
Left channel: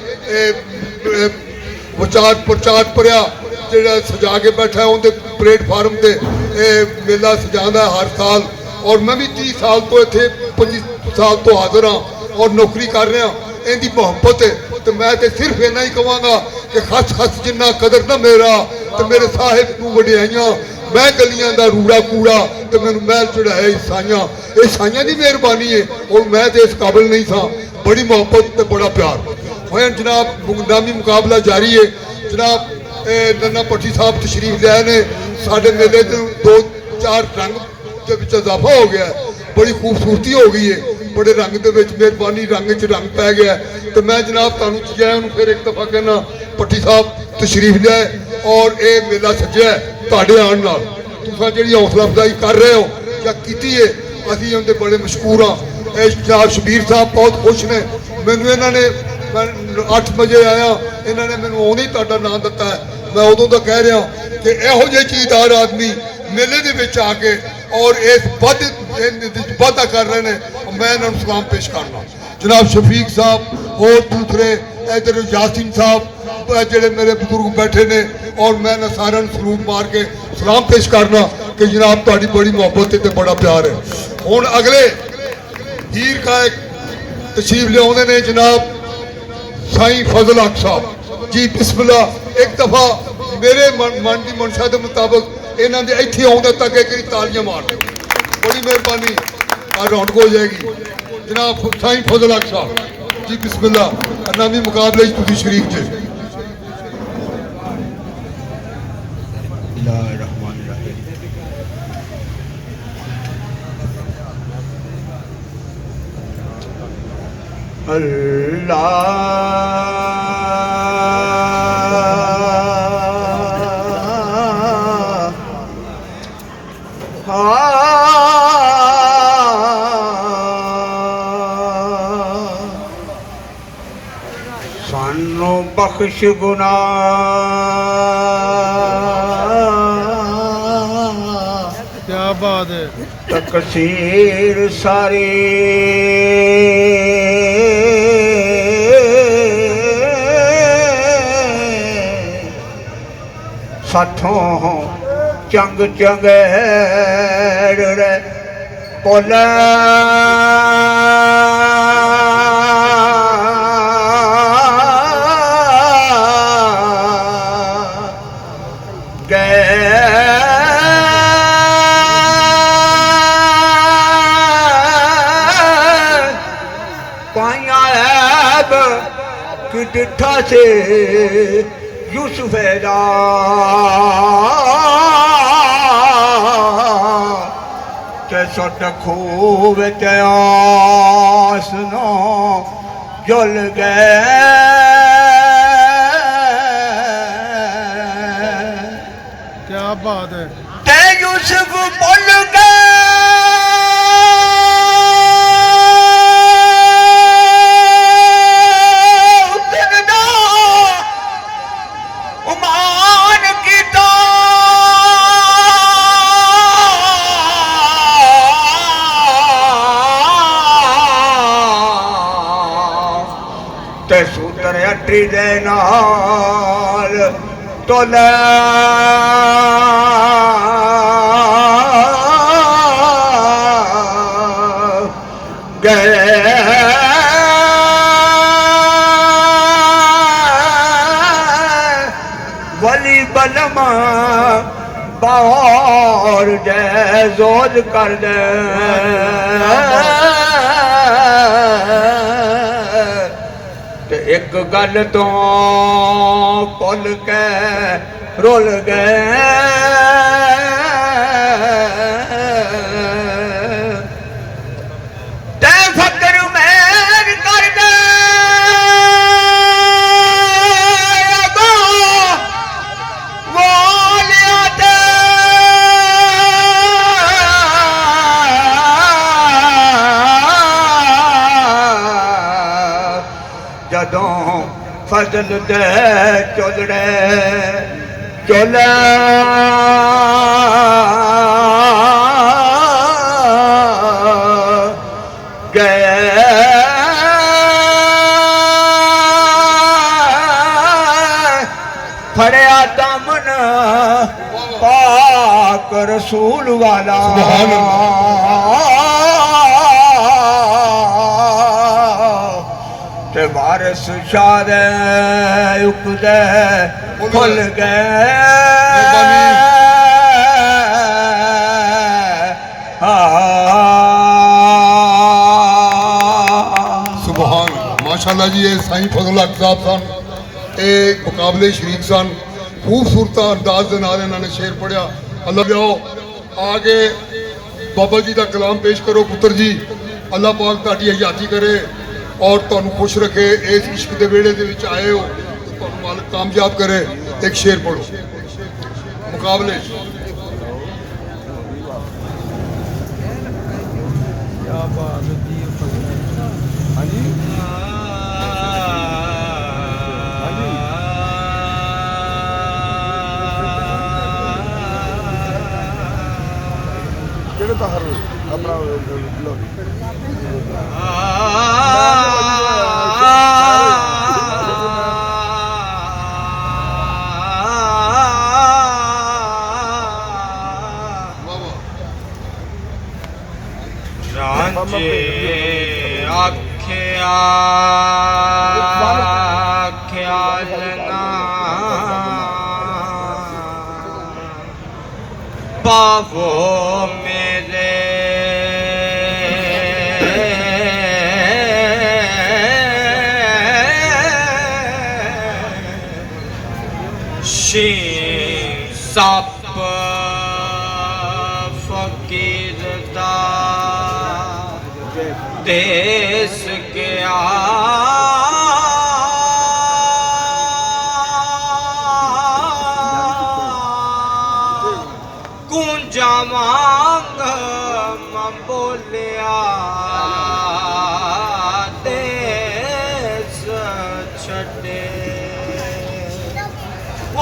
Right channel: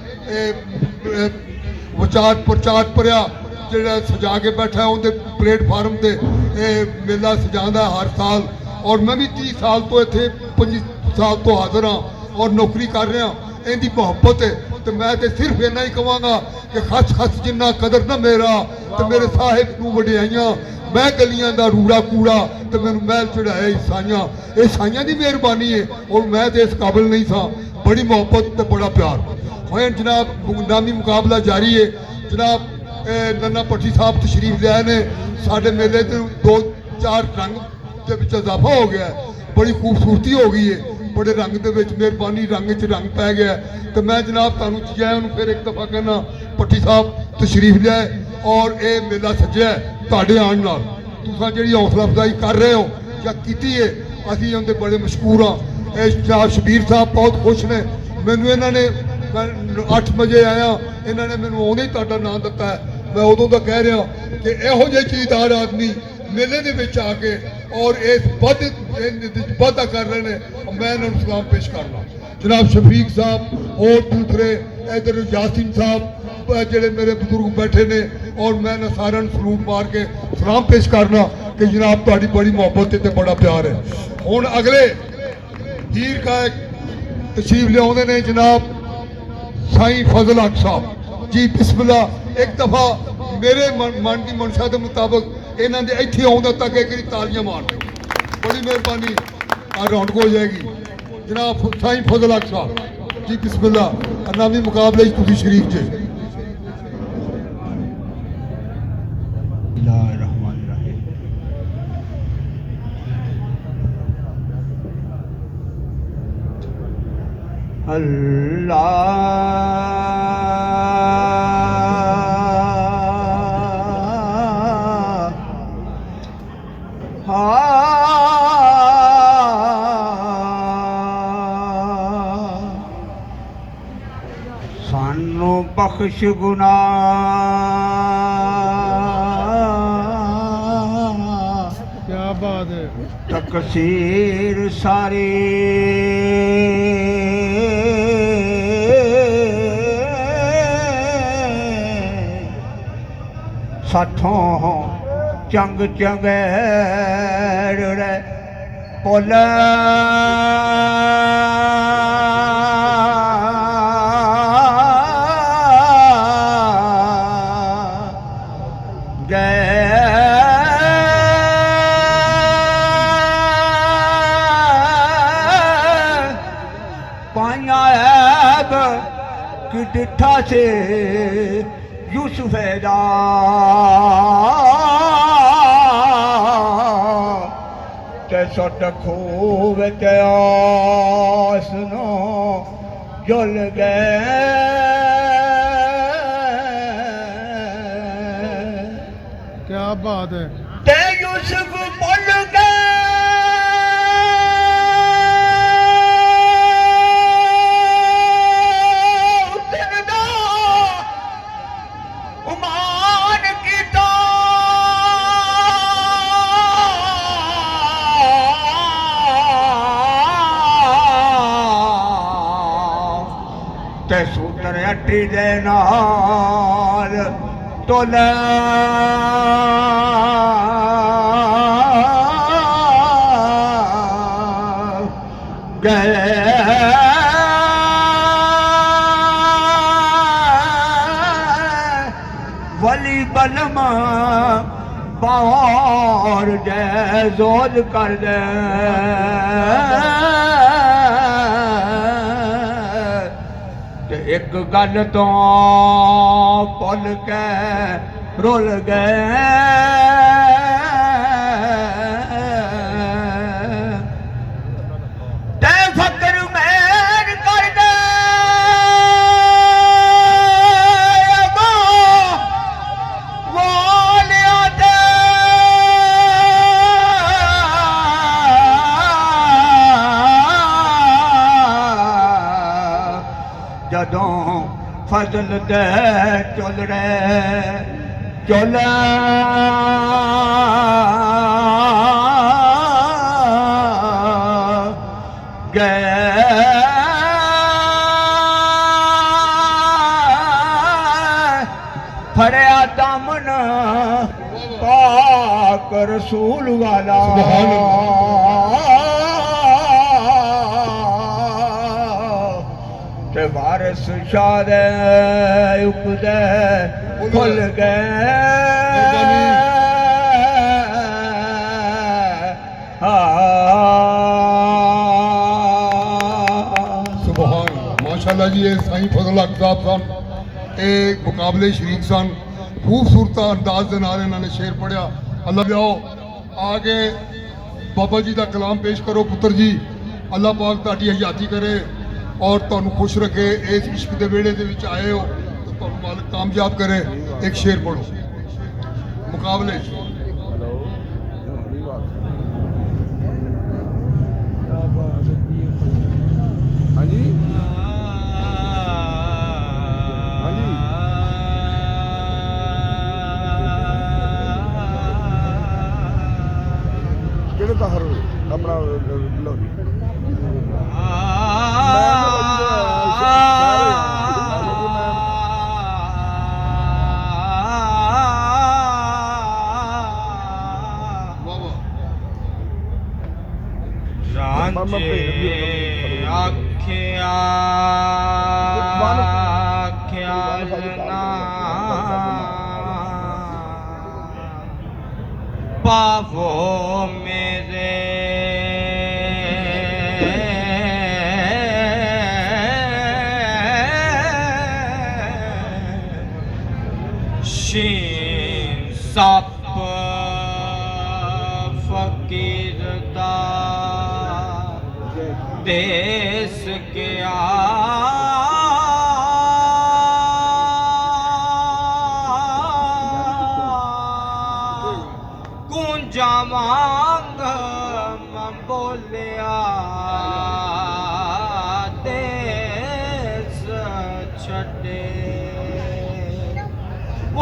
ਵਿਚਾਰ ਪ੍ਰਚਾਰ ਭਰਿਆ ਜਿਹੜਾ ਸਜਾ ਕੇ ਬੈਠਾ ਉਹਦੇ ਪਲੇਟਫਾਰਮ ਤੇ ਇਹ ਮੇਲਾ ਸਜਾਉਂਦਾ ਹਰ ਸਾਲ। ਔਰ ਮੈਂ ਵੀ 30 ਸਾਲ ਤੋਂ ਇੱਥੇ 25 ਸਾਲ ਤੋਂ ਹਾਜ਼ਰ ਹਾਂ ਔਰ ਨੌਕਰੀ ਕਰ ਰਿਹਾ। ਇਹਦੀ ਮੁਹੱਬਤ ਹੈ ਤੇ ਮੈਂ ਤੇ ਸਿਰਫ ਇੰਨਾ ਹੀ ਕਹਾਂਗਾ ਕਿ ਖਸ ਜਿੰਨਾ ਕਦਰ ਨਾ ਮੇਰਾ ਤੇ ਮੇਰੇ ਸਾਹਿਬ ਨੂੰ ਵਡਿਆਈਆਂ, ਮੈਂ ਗਲੀਆਂ ਦਾ ਰੂੜਾ ਕੂੜਾ ਤੇ ਮੈਨੂੰ ਮਹਿਲ ਚੜਾਇਆ ਈਸਾਈਆਂ। ਇਹ ਈਸਾਈਆਂ ਦੀ ਮਿਹਰਬਾਨੀ ਹੈ ਔਰ ਮੈਂ ਤੇ ਇਸ ਕਾਬਿਲ ਨਹੀਂ ਸਾਂ। ਬੜੀ ਮੁਹੱਬਤ ਤੇ ਬੜਾ ਪਿਆਰ ਹੋਇਆ। ਜਨਾਬ ਨਾਮੀ ਮੁਕਾਬਲਾ ਜਾਰੀ ਹੈ। ਜਨਾਬ ਨੰਨਾ ਭੱਟੀ ਸਾਹਿਬ ਤਸ਼ਰੀਫ ਲਿਆਏ ਨੇ। ਸਾਡੇ ਮੇਲੇ ਦੇ 2-4 ਰੰਗ ਦੇ ਵਿੱਚ ਇਜ਼ਾਫਾ ਹੋ ਗਿਆ, ਬੜੀ ਖੂਬਸੂਰਤੀ ਹੋ ਗਈ ਹੈ, ਬੜੇ ਰੰਗ ਦੇ ਵਿੱਚ ਮਿਹਰਬਾਨੀ ਰੰਗ 'ਚ ਰੰਗ ਪੈ ਗਿਆ। ਤੇ ਮੈਂ ਜਨਾਬ ਤੁਹਾਨੂੰ ਜੈ ਨੂੰ ਫਿਰ ਇੱਕ ਦਫਾ ਕਹਿਣਾ, ਭੱਟੀ ਸਾਹਿਬ ਤਸ਼ਰੀਫ ਲਿਆਏ ਔਰ ਇਹ ਮੇਲਾ ਸੱਜਿਆ ਤੁਹਾਡੇ ਆਉਣ ਨਾਲ। ਤੁਸੀਂ ਜਿਹੜੀ ਹੌਸਲਾ ਅਫਜ਼ਾਈ ਕਰ ਰਹੇ ਹੋ ਜਾਂ ਕੀਤੀ ਹੈ, ਅਸੀਂ ਉਹਦੇ ਬੜੇ ਮਸ਼ਕੂਰ ਹਾਂ। ਇਹ ਜਨਾਬ ਸ਼ਬੀਰ ਸਾਹਿਬ ਬਹੁਤ ਖੁਸ਼ ਨੇ। ਮੈਨੂੰ ਇਹਨਾਂ ਨੇ, ਮੈਂ 8 ਵਜੇ ਆਇਆ, ਇਹਨਾਂ ਨੇ ਮੈਨੂੰ ਆਉਂਦੇ ਹੀ ਤੁਹਾਡਾ ਨਾਮ ਦਿੱਤਾ ਹੈ। ਮੈਂ ਉਦੋਂ ਦਾ ਕਹਿ ਰਿਹਾ ਕਿ ਇਹੋ ਜਿਹੇ ਚੀਜ਼ਾਰ ਆਦਮੀ ਮੇਲੇ ਦੇ ਵਿੱਚ ਆ ਕੇ ਔਰ ਇਸ ਵਾਧਾ ਕਰ ਰਹੇ ਨੇ। ਮੈਂ ਇਹਨਾਂ ਨੂੰ ਸਲਾਮ ਪੇਸ਼ ਕਰਨਾ। ਜਨਾਬ ਸ਼ਫੀਕ ਸਾਹਿਬ, ਹੋਰ ਦੂਸਰੇ ਇੱਧਰ ਯਾਸੀਨ ਸਾਹਿਬ, ਜਿਹੜੇ ਮੇਰੇ ਬਜ਼ੁਰਗ ਬੈਠੇ ਨੇ ਔਰ ਮੈਂ ਇਹਨਾਂ ਸਾਰਿਆਂ ਨੂੰ ਸਲੂਟ ਮਾਰ ਕੇ ਸਲਾਮ ਪੇਸ਼ ਕਰਨਾ ਕਿ ਜਨਾਬ ਤੁਹਾਡੀ ਬੜੀ ਮੁਹੱਬਤ ਤੇ ਬੜਾ ਪਿਆਰ ਹੈ। ਹੁਣ ਅਗਲੇ ਹੀਰ ਕਾਇਕ ਤਸ਼ਰੀਫ ਲਿਆਉਂਦੇ ਨੇ ਜਨਾਬ ਸਾਈਂ ਫਜ਼ਲ ਹਕ ਸਾਹਿਬ ਜੀ। ਬਿਸਮਿल्ला। ਇੱਕ ਦਫਾ ਮੇਰੇ ਮਨ ਦੀ ਮਨਸ਼ਾ ਦੇ ਮੁਤਾਬਕ ਇਹਨਾਂ ਦੇ ਇੱਥੇ ਆਉਣ ਤੱਕ ਇੱਕ ਵਾਰੀ ਤਾਲੀਆਂ ਮਾਰ ਦਿਓ, ਬੜੀ ਮਿਹਰਬਾਨੀ। ਆ ਰੌਣਕ ਹੋ ਜਾਏਗੀ। ਜਨਾਬ ਸਾਈਂ ਫਜ਼ਲ ਹਕ ਸਾਹਿਬ ਜੀ, ਬਿਸਮਿल्ला। ਨਾਮੀ ਮੁਕਾਬਲੇ 'ਚ ਤੁਸੀਂ ਸ਼ਰੀਕ ਜੇ। सानू बख्श गुनाह, क्या बात है। तकसीर सारी साथों चंग चंगेर पोला कि डिठा से यूसुफ दा ते सुट खूब ते आसनो जुल गए। क्या बात है। ते यूसुफ बोल गए सूतर अट्री दे नाल तोले गए। वली बलमा बाहर दे जोर कर दे एक गल तो भुल के रुल गए। ते फकर मेर कर दे ਬਦਲ ਦੇ ਚੁਲੜੇ ਚੁਲਾ फड़िया दामन पाक रसूल वाला ते वारिस शाह उकदे फुल ਸੁਭਾਨ ਮਾਸ਼ਾਅੱਲਾ ਜੀ। ਇਹ ਸਾਈਂ ਫਜ਼ਲ ਹਕ ਸਾਹਿਬ ਸਨ, ਇਹ ਮੁਕਾਬਲੇ ਸ਼ਰੀਕ ਸਨ। ਖੂਬਸੂਰਤ ਅੰਦਾਜ਼ ਦੇ ਨਾਲ ਇਹਨਾਂ ਨੇ ਸ਼ੇਰ ਪੜਿਆ। ਅੱਲਾ ਲਿਆਓ ਆ ਕੇ ਬਾਬਾ ਜੀ ਦਾ ਕਲਾਮ ਪੇਸ਼ ਕਰੋ ਪੁੱਤਰ ਜੀ। ਅੱਲਾ ਪਾਕ ਤੁਹਾਡੀ ਹਯਾਤੀ ਕਰੇ ਔਰ ਤੁਹਾਨੂੰ ਖੁਸ਼ ਰੱਖੇ। ਇਸ ਇਸ਼ਕ ਦੇ ਵਿਹੜੇ ਦੇ ਵਿੱਚ ਆਏ ਹੋ ਤੇ ਤੁਹਾਨੂੰ ਮਾਲਕ ਕਾਮਯਾਬ ਕਰੇ। ਇੱਕ ਸ਼ੇਰ ਪੜੋ ਮੁਕਾਬਲੇ 'ਚ। ਕਿਹੜੇ ਬਾਹਰ ਆਪਣਾ ਲੋ ਰਾਂਝੇ ਆਖਿਆ ਖਿਆਲ ਨਾ ਪਾਵੋ ਮੇਰੇ ਸ਼ੀਨ ਸੱਪ ਫਕੀਰ ਦਾ ਦੇਸ ਗਿਆ ਕੁੰਜਾ ਵਾਂਗ ਮੈਂ ਬੋਲਿਆ ਦੇਸ ਛੱਡੇ ਓ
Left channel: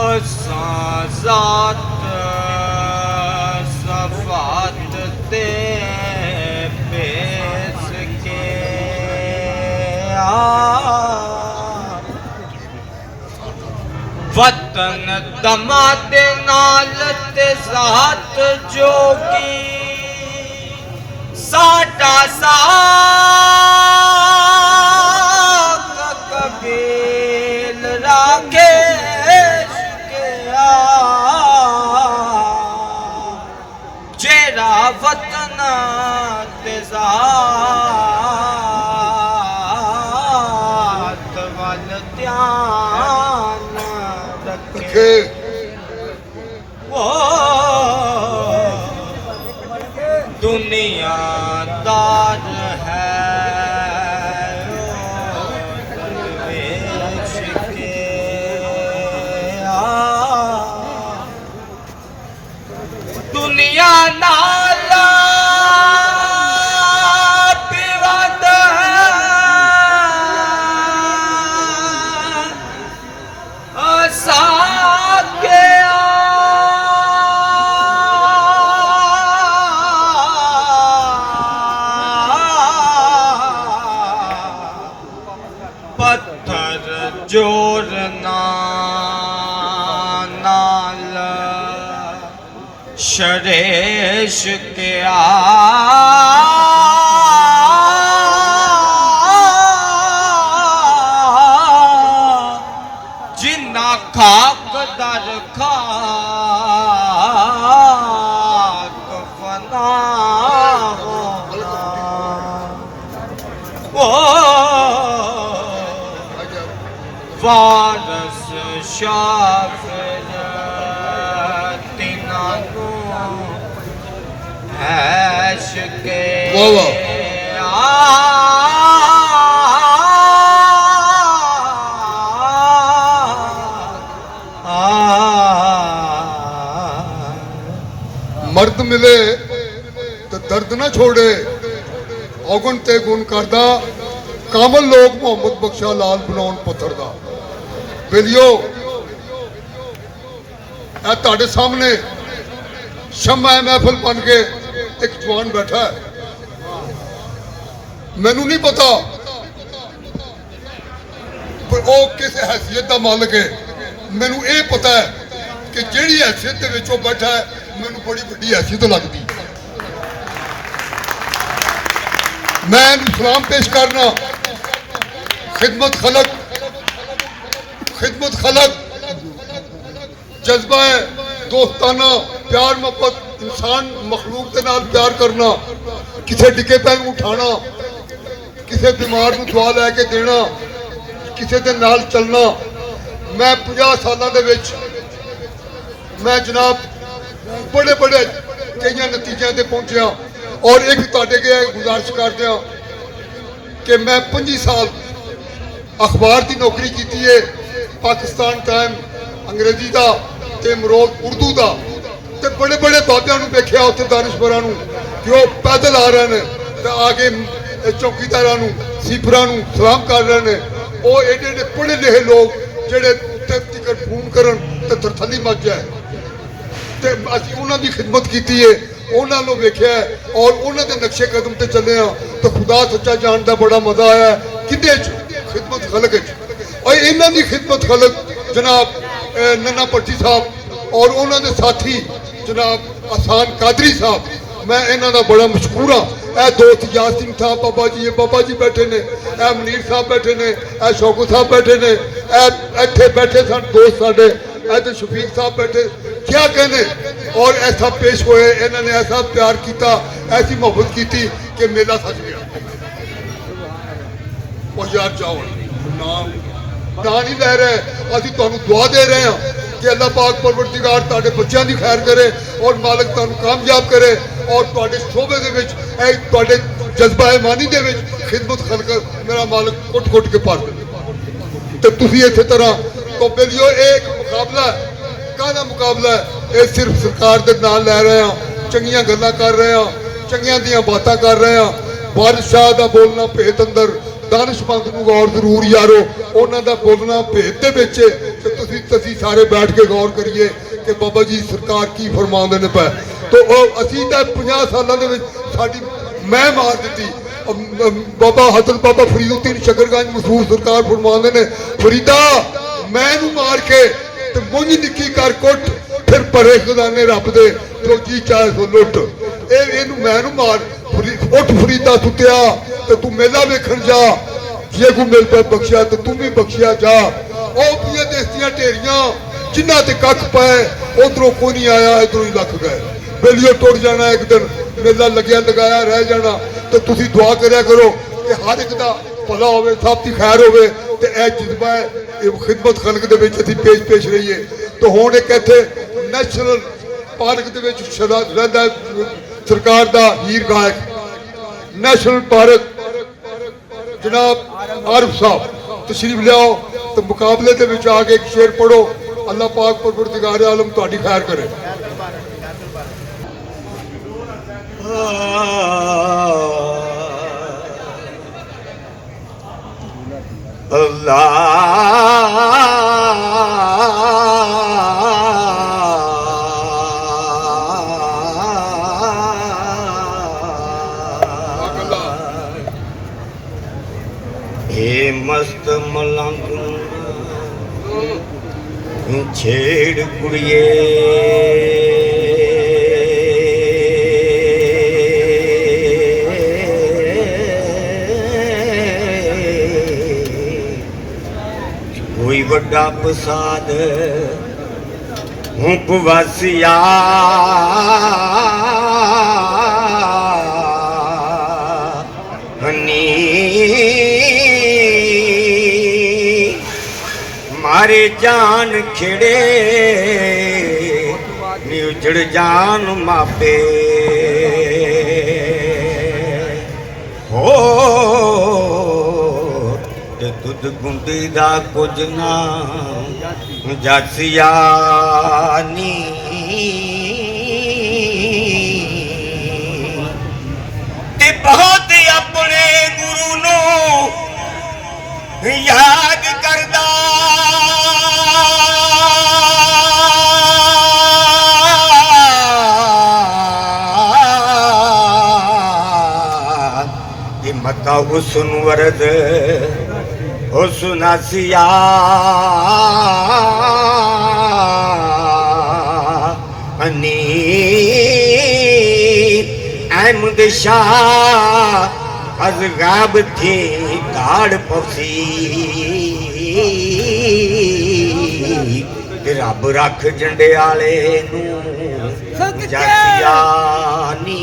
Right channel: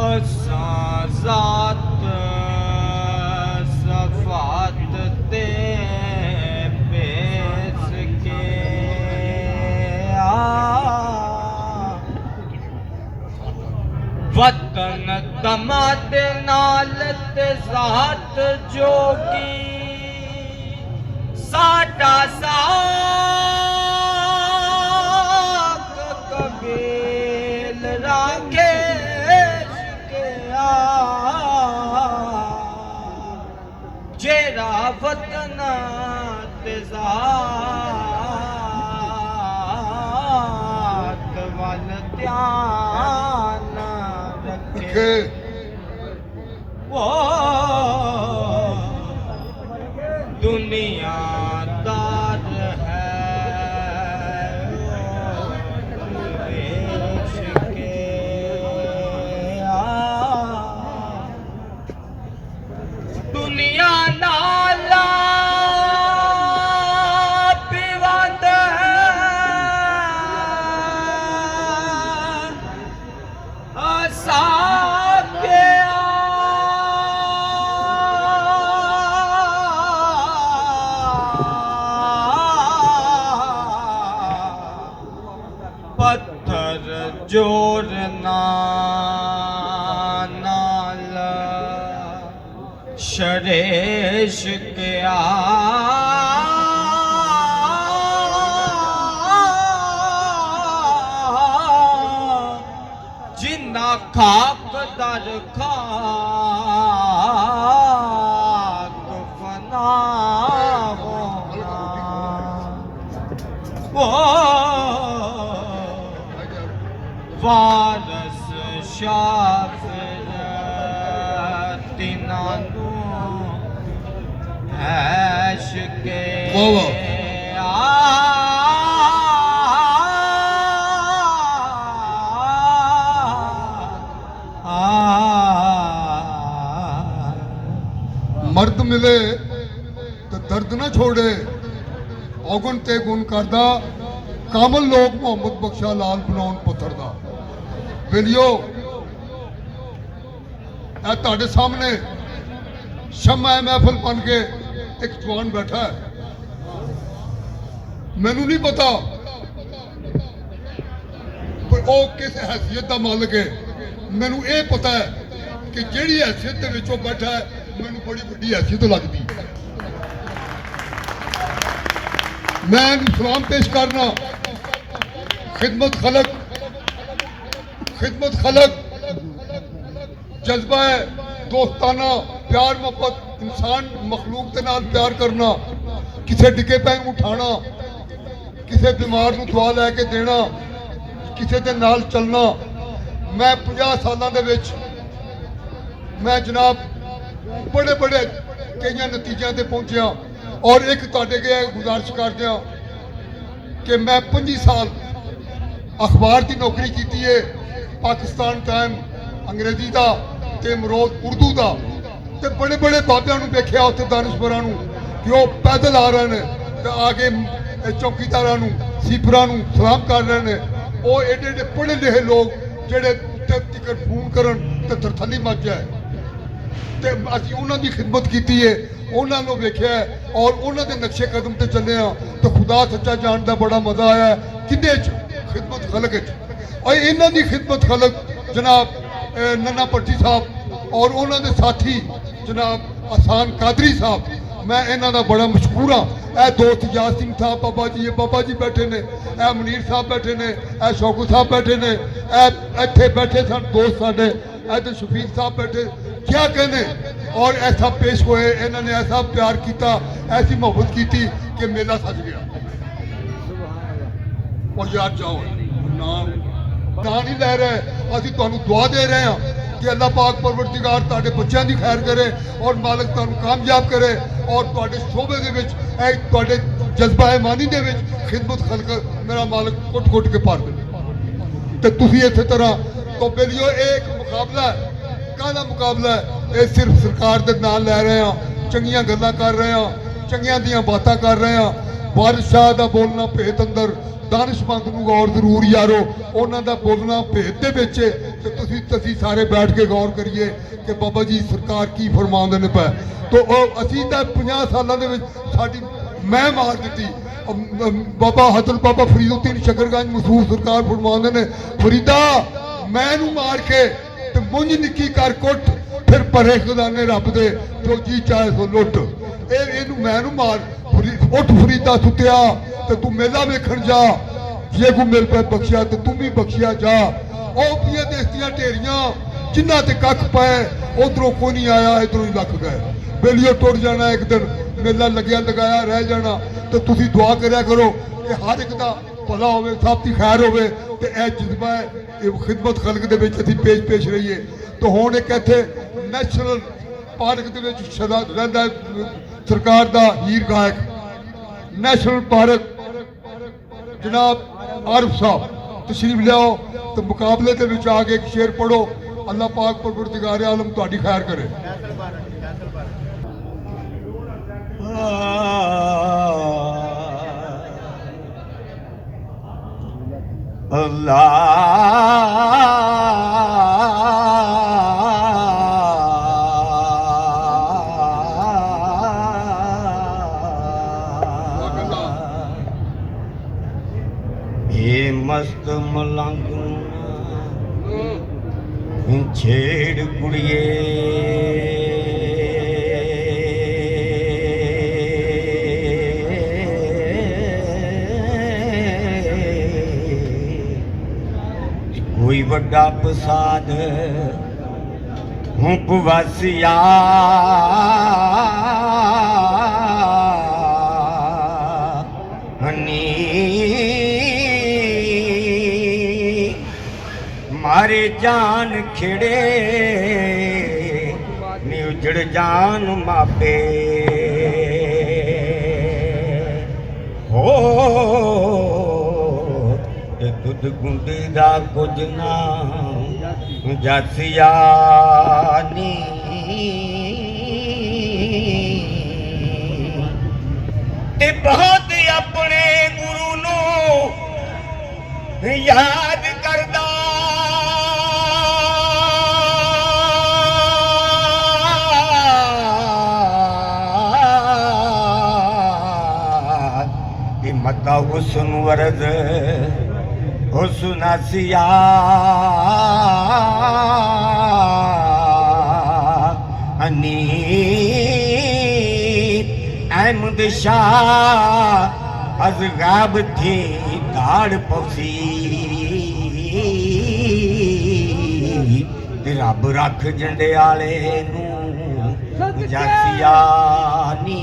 ਅਸਾਂ ਜ਼ਾਤ ਸਫਾਤ ਤੇ ਪੇਸ ਕੇ ਵਤਨ ਦਮਾ ਦੇ ਨਾਲ ਤੇ ਜ਼ਾਤ ਜੋਗੀ ਸਾਡਾ ਸਾਕ ਕਬੀਲ ਰਾਖੇ ਜਿਹੜਾ ਵਤਨ ਤੇ ਜ਼ਾਤ ਵੱਲ ਧਿਆਨ ਰੱਖੇ ਉਹ ਦੁਨੀਆਦਾਰ ਹੈ ਵੇਚ ਕੇ ਦੁਨੀਆ ਨਾਲ ਪਿਵਤ ਸਾਕਿਆ ਪੱਥਰ ਜੋੜਨਾ ਨਾਲ ਸ਼ਰੇਸ਼ ਕਿਆ ਜਿੰਨਾ ਖਾਕ ਦਰ ਖਾਕ ਫਨਾ ਹੋਣਾ ਓ ਵਾਰਸ ਸ਼ਾਫਰ ਤਿਨਾਂ ਨੂੰ ਐਸ਼ ਕੇ ਵਾਹ ਵਾਹ। ਮਰਦ ਮਿਲੇ ਤੇ ਦਰਦ ਨਾ ਛੋੜੇ ਔਗਣ ਤੇ ਗੁਣ ਕਰਦਾ ਕਾਮਲ ਲੋਕ ਮੁਹੰਮਦ ਬਖਸ਼ਾ ਲਾਲ ਬਣਾਉਣ ਪੱਥਰ ਦਾ ਬੇਲੀਓ ਇਹ ਤੁਹਾਡੇ ਸਾਹਮਣੇ ਸ਼ਮਾ ਮਹਿਫਲ ਬਣ ਕੇ ਇੱਕ ਜਵਾਨ ਬੈਠਾ ਹੈ। ਮੈਨੂੰ ਨਹੀਂ ਪਤਾ ਪਰ ਉਹ ਕਿਸ ਹੈਸੀਅਤ ਦਾ ਮਾਲਕ ਹੈ। ਮੈਨੂੰ ਇਹ ਪਤਾ ਹੈ ਕਿ ਜਿਹੜੀ ਹੈਸੀਅਤ ਦੇ ਵਿੱਚ ਉਹ ਬੈਠਾ ਹੈ ਮੈਨੂੰ ਬੜੀ ਵੱਡੀ ਹੈਸੀਅਤ ਲੱਗਦੀ। मैं सलाम पेश करना खिदमत खलक जज्बा है दोस्ताना प्यार मोहब्बत इंसान मखलूक के नाल प्यार करना किसी डिगे पैन उठाना किसी बीमार को दुआ लैके देना किसी के नाल चलना। मैं 50 सालों के विच मैं जनाब बड़े बड़े कई नतीजों से पहुंचा और एक तुहाडे अगे गुजारिश करते हैं कि मैं 25 साल अखबार की नौकरी की है पाकिस्तान टाइम अंग्रेजी का ते मरोज उर्दू का ते बड़े बड़े बाबियां नूं वेख्या उत्थे दानिशवरां नूं कि वो पैदल आ रहे हैं ते आगे चौकीदारां नूं सीपरां नूं सलाम कर रहे हैं। वो एडे एडे पढ़े लिखे लोग जिहड़े उत्थे तिकर फोन करन ते थरथली मच जाए ते असीं उन्हां दी खिदमत कीती है उन्होंने वेख्या और उन्होंने नक्शे कदम से चले तो खुदा सच्चा जानता बड़ा मजा आया किदे खिदमत खलक और इन्हों की खिदमत खलक जनाब नन्ना भट्टी साहब और उन्होंने साथी जनाब आसान कादरी साहब मैं इन्हों का बड़ा मशहूर हाँ। यह दोस्त याद सिंह साहब बाबा जी बैठे ने यह मनीर साहब बैठे ने यह शौकू साहब बैठे ने इतने बैठे सन दोस्त साढ़े तो शफीक साहब बैठे क्या कहने और ऐसा पेश होए इन्होंने ऐसा प्यार किया ऐसी मोहब्बत की थी कि मेला सज गया। और यार जाओ ना नहीं लै रहे असीं तुहानूं दुआ दे रहे हैं कि अल्लाह पाक परवरदिगार तुहाडे बच्चों की खैर करे और मालिक तुहानूं कामयाब करे और तुहाडे शोबे दे विच तुहाडे जज्बा ईमानी दे विच खिदमत खलक मेरा मालिक कुट कुट के भर दे ते तुसीं इस तरह तो बेलियो एक मुकाबला काहदा मुकाबला है। ये सिर्फ सरकार के नाम लै रहे हैं चंगियां गल्लां कर रहे हैं चंगियां दियां बातां कर रहे हैं। बादशाह का बोलना भेत अंदर दानिशमंद नूं गौर जरूर यारो उन्हां दा बोलना भेत दे विच ते तुसीं सारे बैठ के गौर करिए कि बाबा जी सरकार की फरमांदे ने पै तो असीं तां 50 सालों दे विच साडी मैं मार दित्ती। बाबा हजरत बाबा फरीदुद्दीन शकरगंज मशहूर सरकार फरमांदे ने फरीदा मैं नूं मार के ते मुंज निक्की कर कुट फिर परे खजाने रब दे जो जी चाहे सो लुट इनू मैं नूं मार उठ फरीदा सुत्या ते तू मेला वेखण जा जे को मिल पे बख्शिया ते तू भी बख्शिया जा। ओ पिया देसियां ढेरियां जिन्हां ते कख पाए उधरों कोई नहीं आया इधरों ही लख गए बेलियो टुट जाना एक दिन मेला लग्या लगाया रह जाना। तो तुसीं दुआ करया करो कि हर एक दा भला होवे सब दी खैर होवे ते ए जज्बा है ये खिदमत खलक दे विच असीं पेश रहीए। तो हुण एक इत्थे नैशनल पार्क दे विच रहिंदा सरकार दा हीर गायक नैशनल पार्क जनाब आरिफ साहब तशरीफ लियाओ तो मुकाबले दे विच आके एक शेर पढ़ो अल्लाह पाक परवरदिगार आलम तुहाडी खैर करे। हे मस्त मलंग छेड़ कुड़िए कोई बड़ा प्रसाद हूँ पवासिया हनी मारे जान खिड़े नी उजड़ जान मापे हो ते दुध गुंडी दा कुछ ना जासिया नी ते बहुत अपने गुरु नो याद करदा कि मता हुस्न वरद हुस्न आसिया अनी अहमद शाह अज गाब थी दाड़ पसी रब रख झंडे आले नू जासिया नी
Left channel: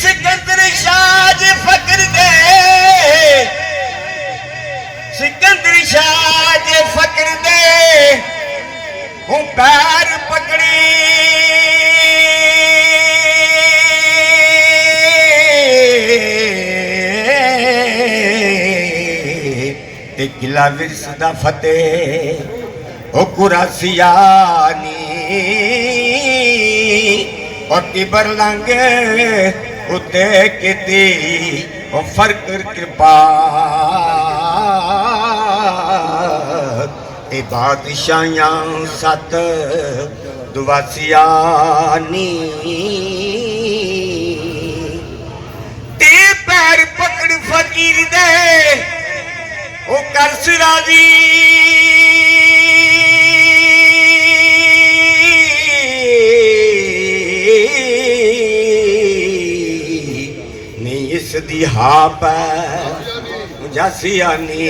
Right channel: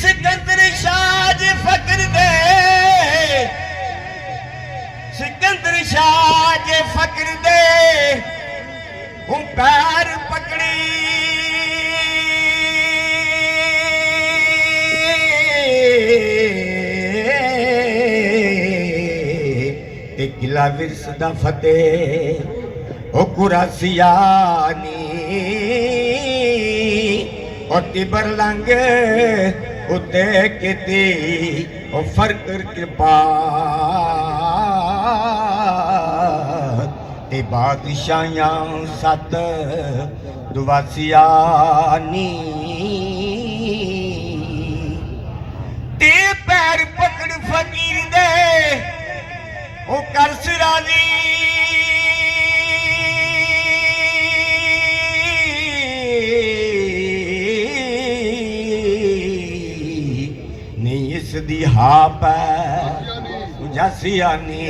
सिकंदर शाह जे फकर दे सिकंदर शाह जे फकर दे हूँ पैर पकड़ी ते किला विरस दा फतेह ओ कुरासिया नी और तिबर लांगे उते किती ओ फर्क कृपा ते बादशाहियां सत दुआसिया नी ते पैर पकड़ फकीर दे ओ कर सिराजी दी हाप जासिया नी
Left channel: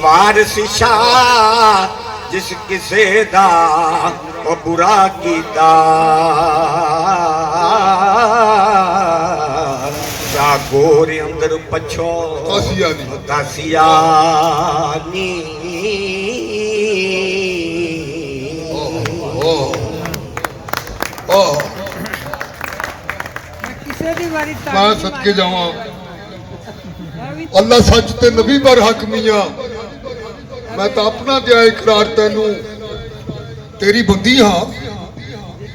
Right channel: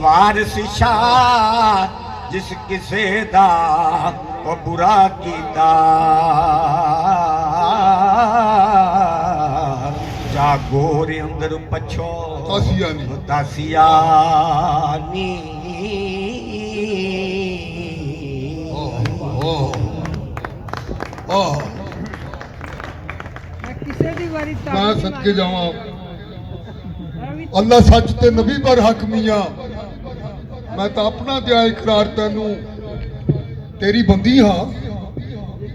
वारिस शाह जिस किसे दा ओ बुरा कीता जा गोरे अंदर पछो दासिया नी मैं सदके जावा अल्लाह सच ते नबी पर हक मियां मैं तो अपना दिया इकरार तेनू तेरी बंदी हाँ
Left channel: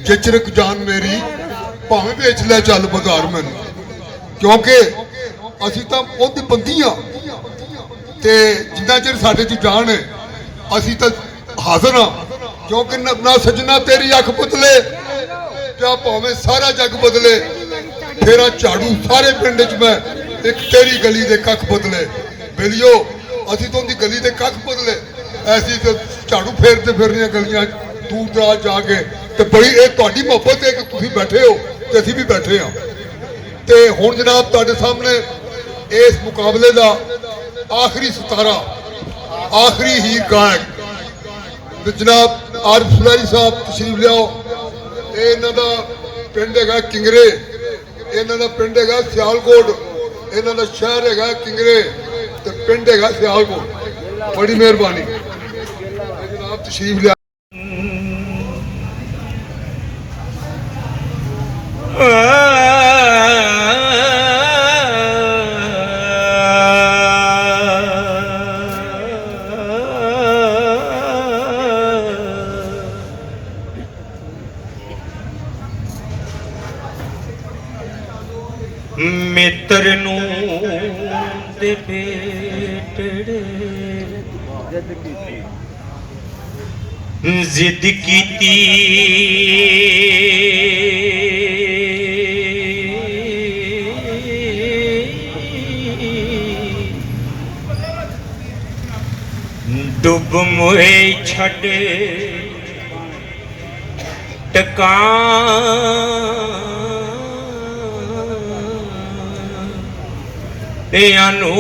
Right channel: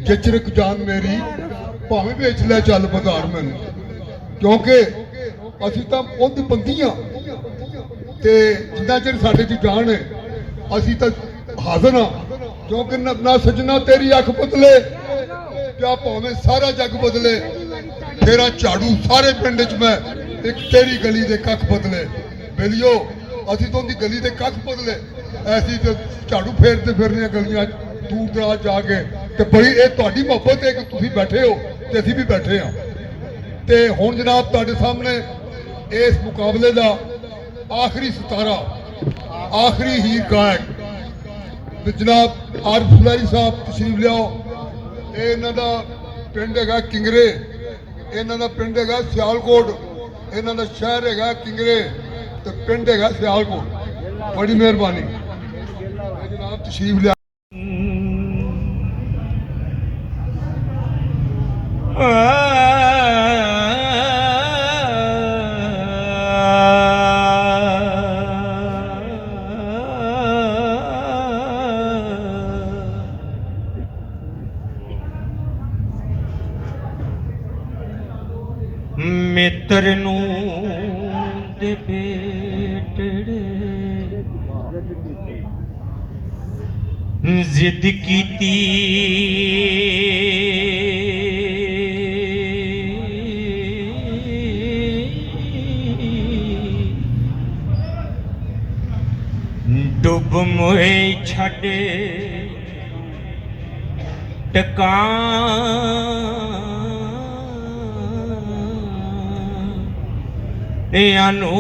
चिचरक जान मेरी भावें बेच लै चल बाजार मैनू क्योंकि असी तो उहदी बंदी हाँ ते जिन्ना चिर साडे च जान है असी तो हाजिर हाँ क्योंकि ना सजना तेरी अख बदले क्या भावें सारा जग बदले तेरा झाड़ू सारे पिंड च मैं एक तेरी गली दे कख बदले बेलियो असी तो उनकी गली दे कख बदले ऐसी तो झाड़ू फेरते फिरने गलियां दूर दराज जाके तो बड़ी ये तुहाडी मोहब्बत है कि तुसीं बैठे हो तो असीं भी बैठे हाँ तो हुण जनाब तुहाडे सामने इस मुकाबले का आखिरी सितारा आखिरी हीर गायक तो जनाब आरिफ सुलैरी साहब तशरीफ लियाओ ये इन्हां दा पिंड हैगा किंगरे इन्हां दा पिंड हैगा सियालकोट इन्हां दा शहर हैगा किंगरे ते पिंड हैगा सियालकोट बड़ी मेहरबानी जनाब तशरीफ लिया मित्र नू दे पेटड़े जिद कीती डुब मोए छड़ टकां अनु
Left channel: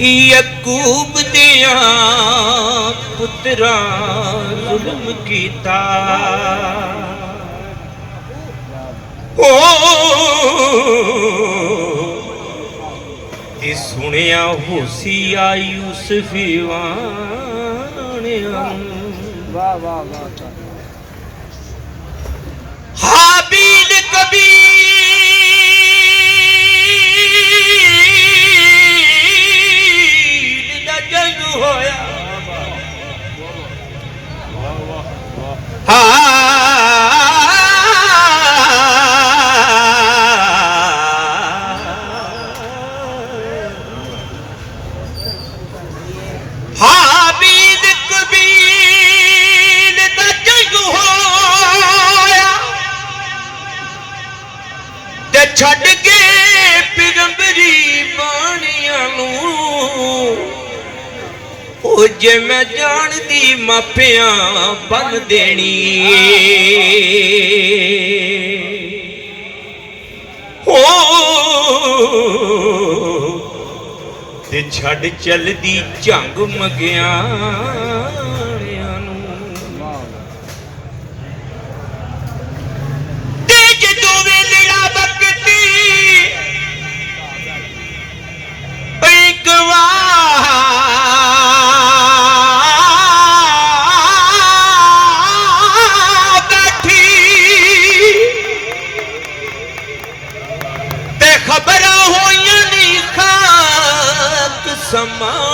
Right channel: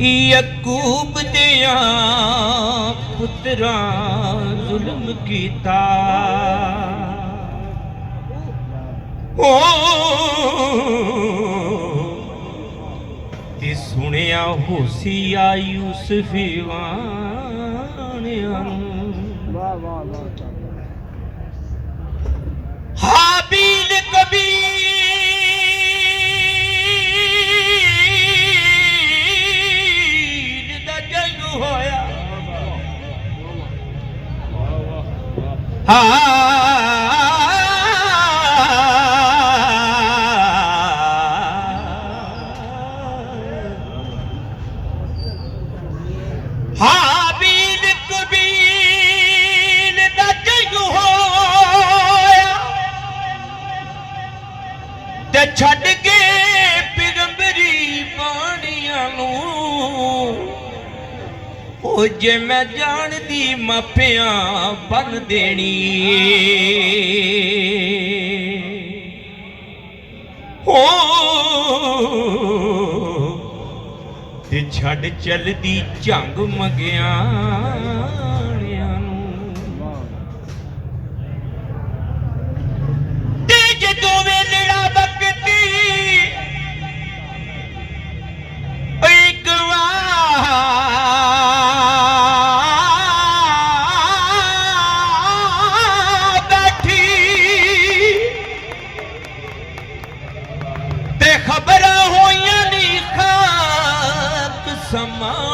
यकूब दिया पुत्रा जुल्म कीता ओ सुनिया होसी यूसुफ वाणिया हाबील कबील दा जंग होया ਹਾਬੀਲ ਕਬੀਲ ਦਾ ਜੰਗ ਹੋਇਆ ਤੇ ਛੱਡ ਕੇ ਪਿਗੰਬਰੀ ਬਾਣੀਆਂ ਨੂੰ ਉਹ ਜੇ ਮੈਂ ਜਾਣਦੀ ਮਾਪਿਆਂ ਬੰਨ ਦੇਣੀ ਹੋ ਤੇ ਛੱਡ ਚੱਲਦੀ ਝੰਗ ਮਗਿਆਣਿਆਂ ਨੂੰ ਤੇ ਜਦੋਂ ਵੇਲੜਾ ਬਕਤੀ ਇੱਕ ਬੈਠੀ ਤੇ ਖਬਰਾਂ ਹੋਈਆਂ ਨੀ ਖਾਕ ਸਮਾੜਿਆਂ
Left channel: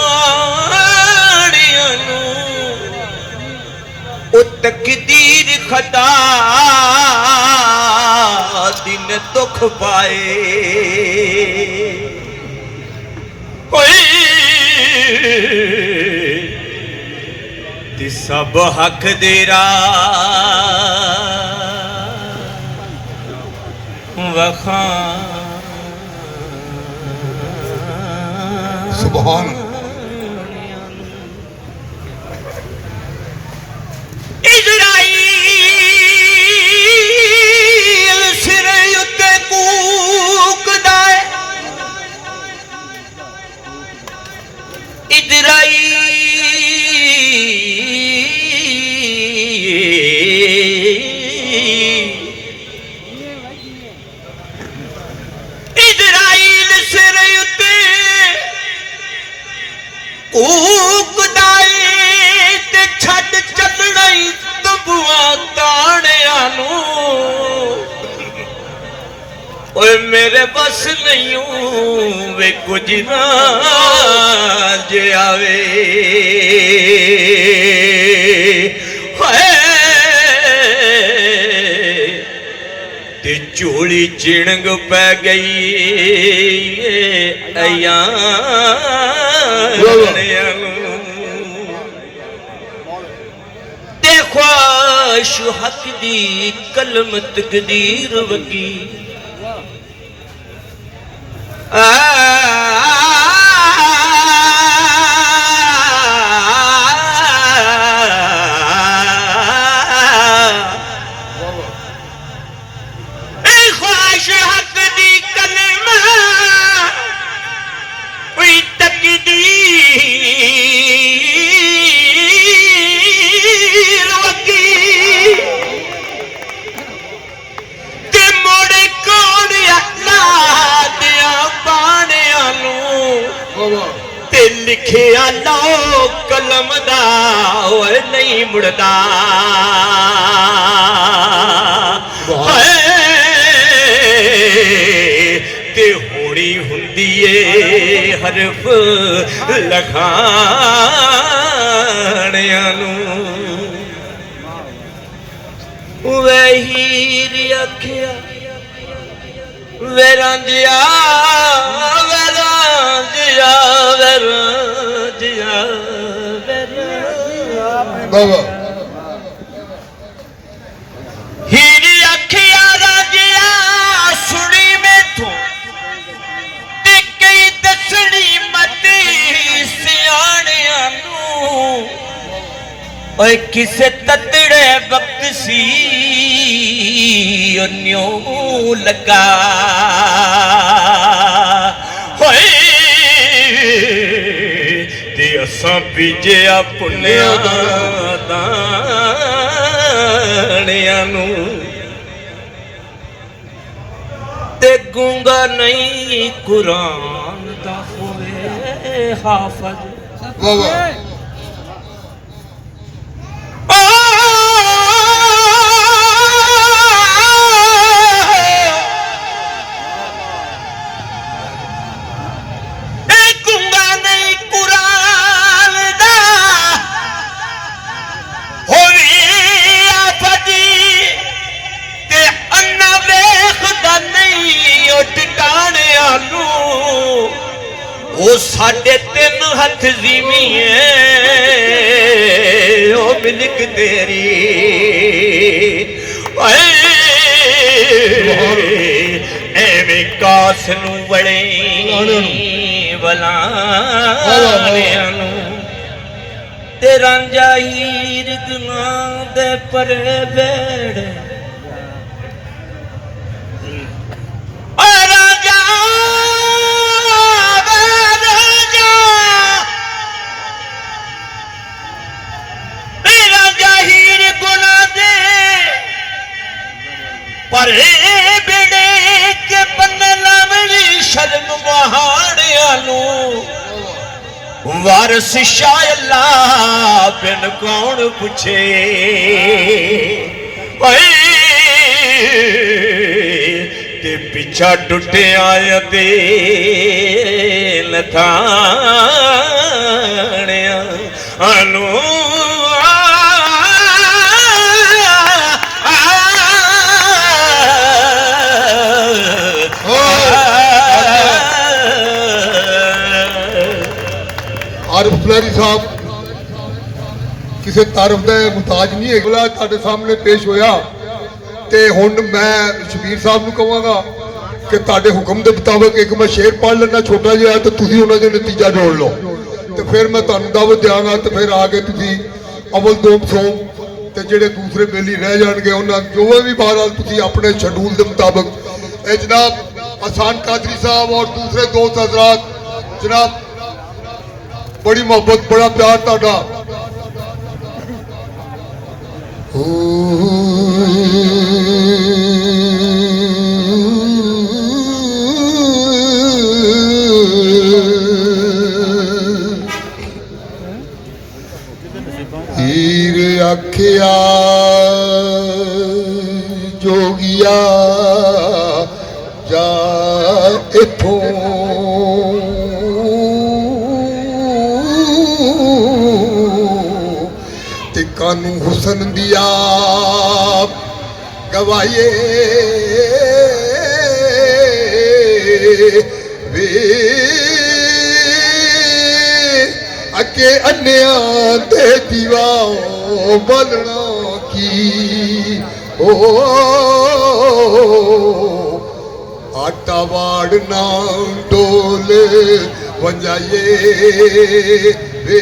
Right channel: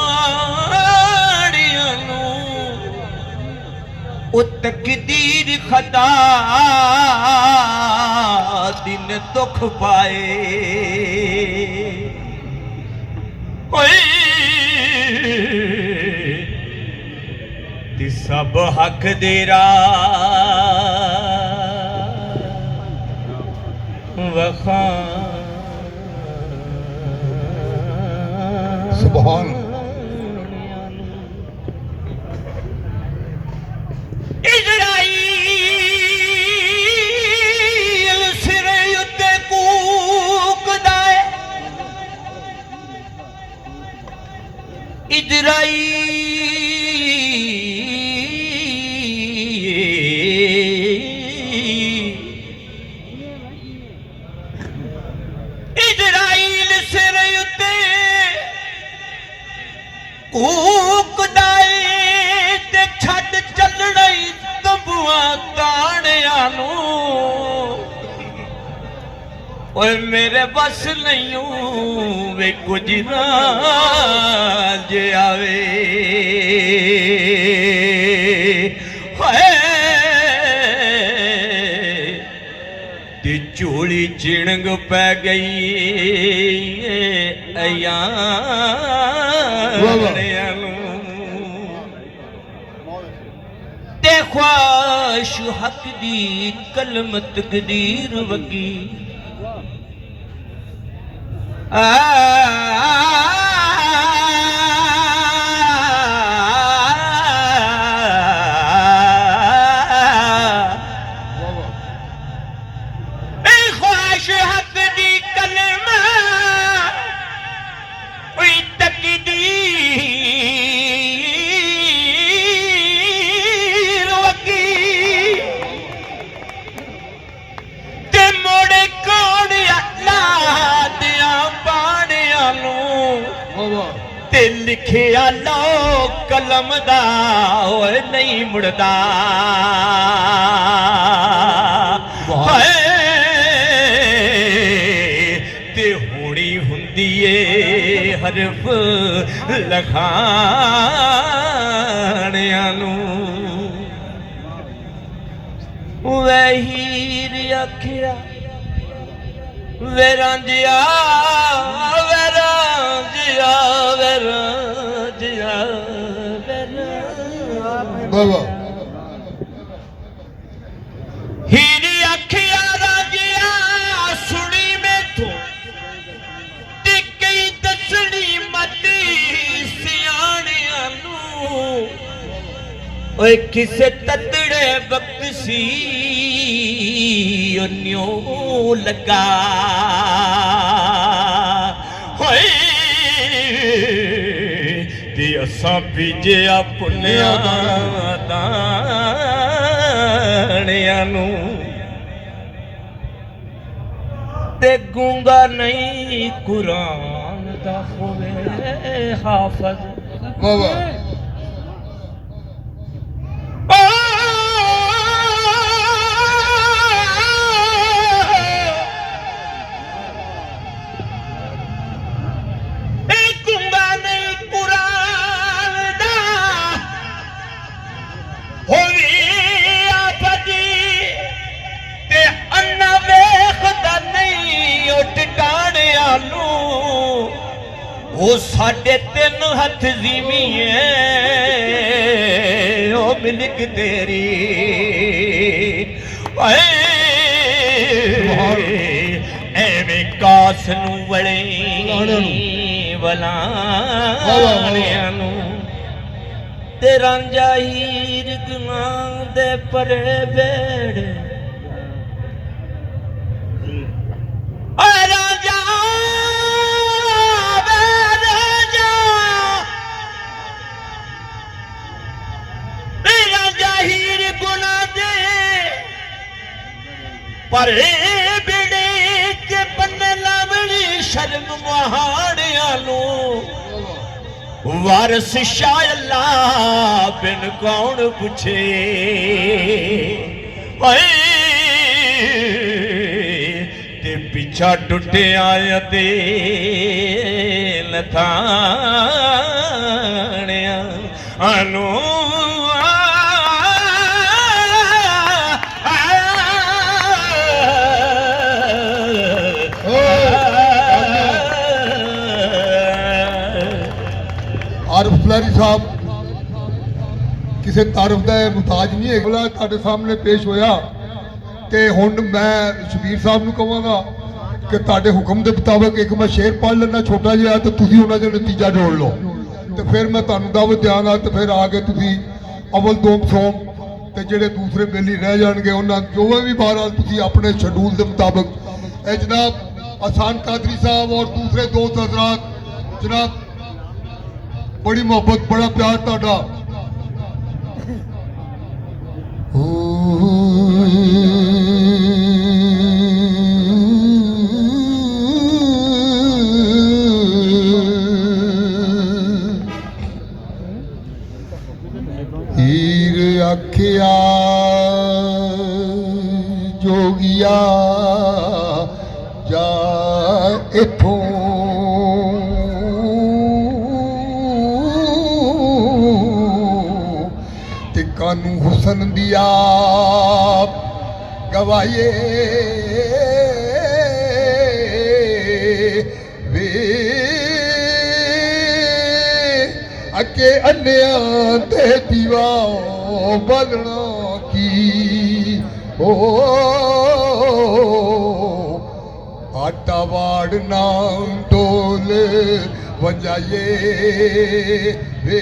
ਨੂੰ ਉਹ ਤਕਦੀਰ ਖਤਾ ਦਿਨ ਦੁੱਖ ਪਾਏ ਓਏ ਤੇ ਸਭ ਹੱਕ ਦੇ ਵਖਾਂ ਸੁਭਾਨ ਇਜ਼ਰਾਈਲ ਸਿਰ ਉੱਤੇ ਕੂਕਦਾ ਏ ਇਜ਼ਰਾਈਲ ਸਿਰ ਉੱਤੇ ਕੂਕਦਾ ਏ ਤੇ ਛੱਡ ਚੱਲਣਾ ਈ ਤੰਬੂਆਂ ਤਾਣਿਆਂ ਨੂੰ ਓਏ ਮੇਰੇ ਬਸ ਨਹੀਂ ਵੇ ਕੁਝ ਨਾ ਜੇ ਆਵੇ ਹਾਏ ਤੇ ਝੋਲੀ ਚਿਣਗ ਪੈ ਗਈ ਅਯਾਨਿਆਂ ਨੂੰ ਤੇ ख्वाहिश हक दी कलम तकदीर वगी ख्वाहिश हक दी कलम तकदीर वगी ते मोड़े कौन अल्लाह दिया बाणियां नूं ते लिखिया लो कलम दा ओए नहीं मुड़दा ते होनी हुंदी ए हरफ लखाणियां नूं वहीर आखिया वेरांजिया वेरांजिया वेरांजिया बाबा हीरी आखिया राजिया सुनी मैथों ते कई दसनी मती सियाणियां नूं ओए किसे ततड़े वक्त सी न्यों लगा होए ते असां बीजिया पुन्निया दाणियां नूं ते गूंगा नहीं कुरान दा होवे हाफज बाबा ਉਹ ਸਾਡੇ ਤਿੰਨ ਹੱਥ ਜ਼ੀਵੀਏ ਉਹ ਮਿਲਕ ਤੇਰੀ ਓਏ ਐਵੇਂ ਕਾਸ ਨੂੰ ਵੜੇ ਵਲਾਣਿਆਂ ਨੂੰ ਤੇ ਰਾਂਝਾ ਹੀਰ ਗਾਂ ਦੇ ਪਰੇ ਬੇੜੇ ਪਰੇ ਬੇੜੇ ਕੇ ਬੰਨੇ ਲਾਵਣੀ ਸ਼ਰਮ ਵਹਾੜਿਆਂ ਨੂੰ ਵਾਰਸ ਸ਼ਾਹ ਅੱਲਾ ਬਿਨ ਕੌਣ ਪੁੱਛੇ ਓਏ ਤੇ ਪਿੱਛਾ ਟੁੱਟਿਆ ਤੇ ਲਥਾਣਿਆਂ ਨੂੰ ਆਰਿਫ ਫਲੈਰੀ ਸਾਹਿਬ ਕਿਸੇ ਤਾਰਫ ਦਾ ਮੁਤਾਜ ਨਹੀਂ ਹੈ ਅਗਲਾ ਤੁਹਾਡੇ ਸਾਹਮਣੇ ਪੇਸ਼ ਹੋਇਆ ਤੇ ਹੁਣ ਮੈਂ ਸ਼ਬੀਰ ਸਾਹਿਬ ਨੂੰ ਕਹਾਂਗਾ ਕਿ ਤੁਹਾਡੇ ਹੁਕਮ ਦੇ ਮੁਤਾਬਕ ਇੱਕ ਮੈਂ ਸ਼ੇਰ ਪੜ੍ਹ ਲੈਣਾ ਛੋਟਾ ਜਿਹਾ ਤੇ ਤੁਸੀਂ ਉਹਨਾਂ ਦਾ ਨਤੀਜਾ ਜੋੜ ਲਓ ਤੇ ਫਿਰ ਮੈਂ ਤੁਹਾਨੂੰ ਦਾਵਤ ਦਿਆਂਗਾ ਤੇ ਫਿਰ ਆ ਕੇ ਤੁਸੀਂ ਅਵਲ ਦੋਮ ਸੋਮ ਤੇ ਜਿਹੜੇ ਦੂਸਰੇ ਬੇਲੀ ਰਹਿ ਜਾਣਗੇ ਉਹਨਾਂ ਜੋ ਵੀ ਬਹਰਾਲ ਤੁਸੀਂ ਆਪਣੇ ਸ਼ਡਿਊਲ ਦੇ ਮੁਤਾਬਕ ਇਹ ਜਨਾਬ ਅਹਿਸਾਨ ਕਾਦਰੀ ਸਾਹਿਬ ਔਰ ਦੂਸਰੇ ਦੋਸਤ ਹਜ਼ਰਾਤ जनाब बड़ी मोहब्बत बड़ा प्यार ताड़ा हीर आखिया जोगिया जा इथों ते कानू हुसन दिया गवाए वे अके अन्या ते दीवा बलना की ओ आटा वाड़ना डोल वंजाए वे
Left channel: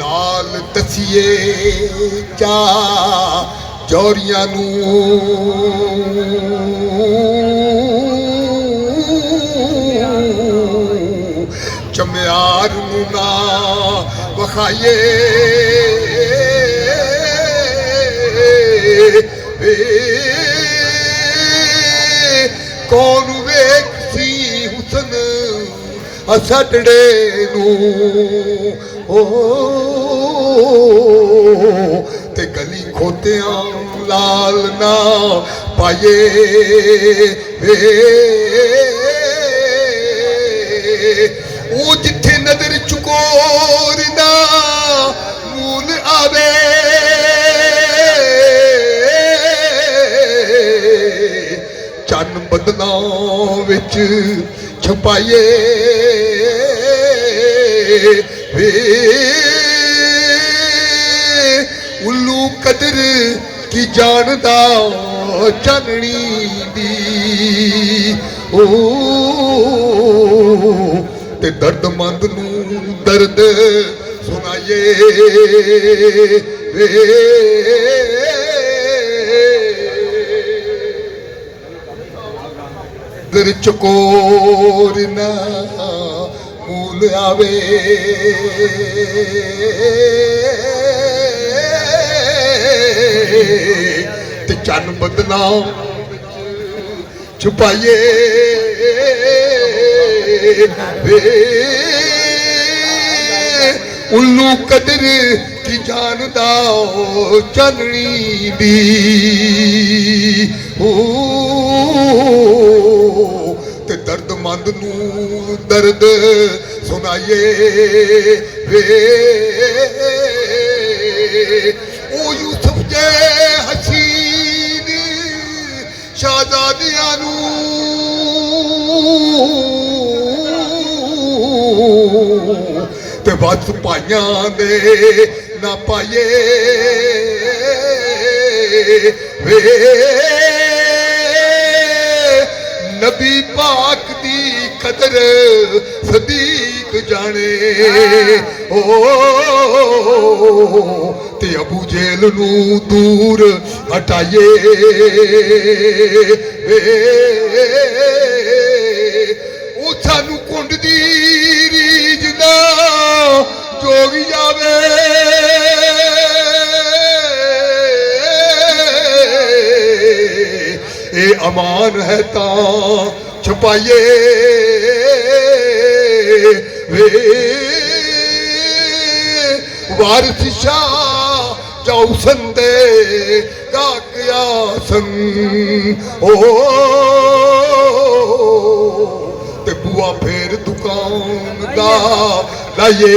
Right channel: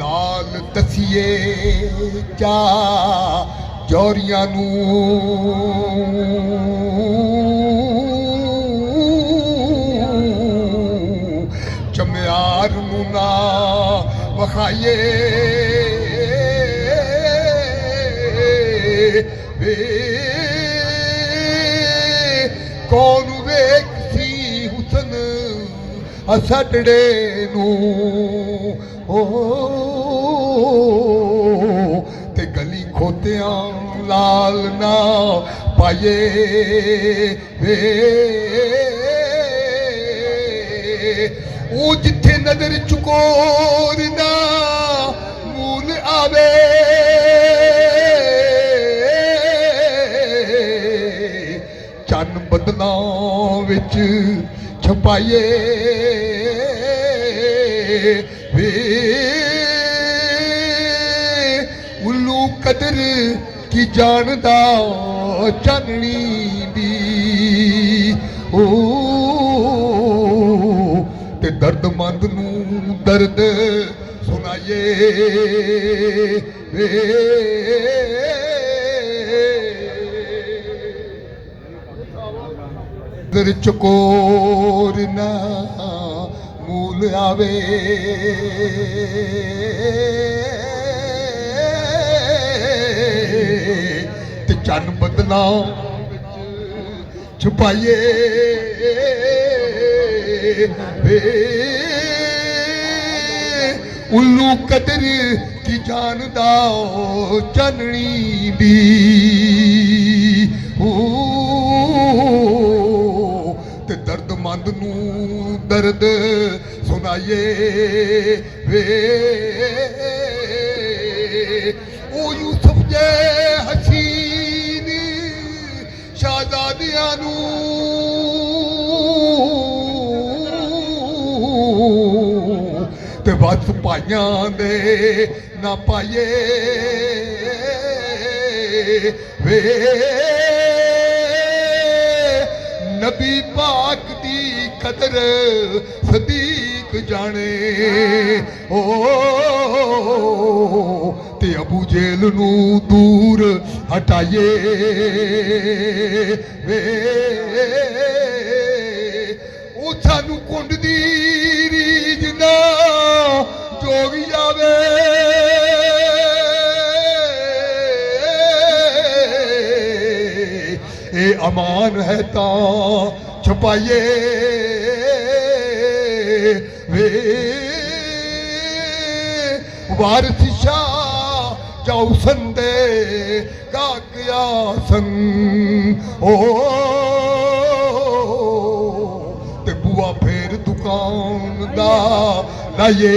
नाल दसिए चा जौरियां नू चम्यार नू ना वखाइए वे कौन वेख सी हुसन असटड़े नू ओ ते गली खोतियां लाल ना पाए वे ओ जिथे नजर चुकोर ना मूल आवे चन बदना विच छपाए वे उल्लू कदर की जानदा चननी दी ओ ते दर्दमंद नू दर्द सुनाए वे दर चकोर ना मूल आवे ते चन बदना छुपाइए वे उल्लू कदर की जानदा चननी दी ते दर्दमंद नू दर्द सुनाइए वे ओ यूसुफ जे हसीन ਸ਼ਾਹਜ਼ਾਦੀਆਂ ਨੂੰ ਤੇ ਬਸ ਭਾਈਆਂ ਦੇ ਨਾ ਪਾਈਏ ਵੇ ਨਬੀ ਪਾਕ ਦੀ ਕਦਰ ਸਦੀਕ ਜਾਣੇ ਓ ਤੇ ਅਬੂ ਜੇਲ ਨੂੰ ਦੂਰ ਹਟਾਈਏ ਉਹ ਸਾਨੂੰ ਕੁੰਡ ਦੀ ਰੀਝ ਨਾ ਜੋਗ ਜਾਵੇ ਇਹ ਅਮਾਨ ਹੈ ਤਾਂ ਛੁਪਾਈਏ ਵੇ ਵਾਰਿਸ ਸ਼ਾਹ ਜਾਉ ਸੰਦੇ ਕਾਕਿਆ ਸੰਗ ਓ ਤੇ ਬੂਆ ਫੇਰ ਦੁਕਾਨ ਦਾ ਲਾਈਏ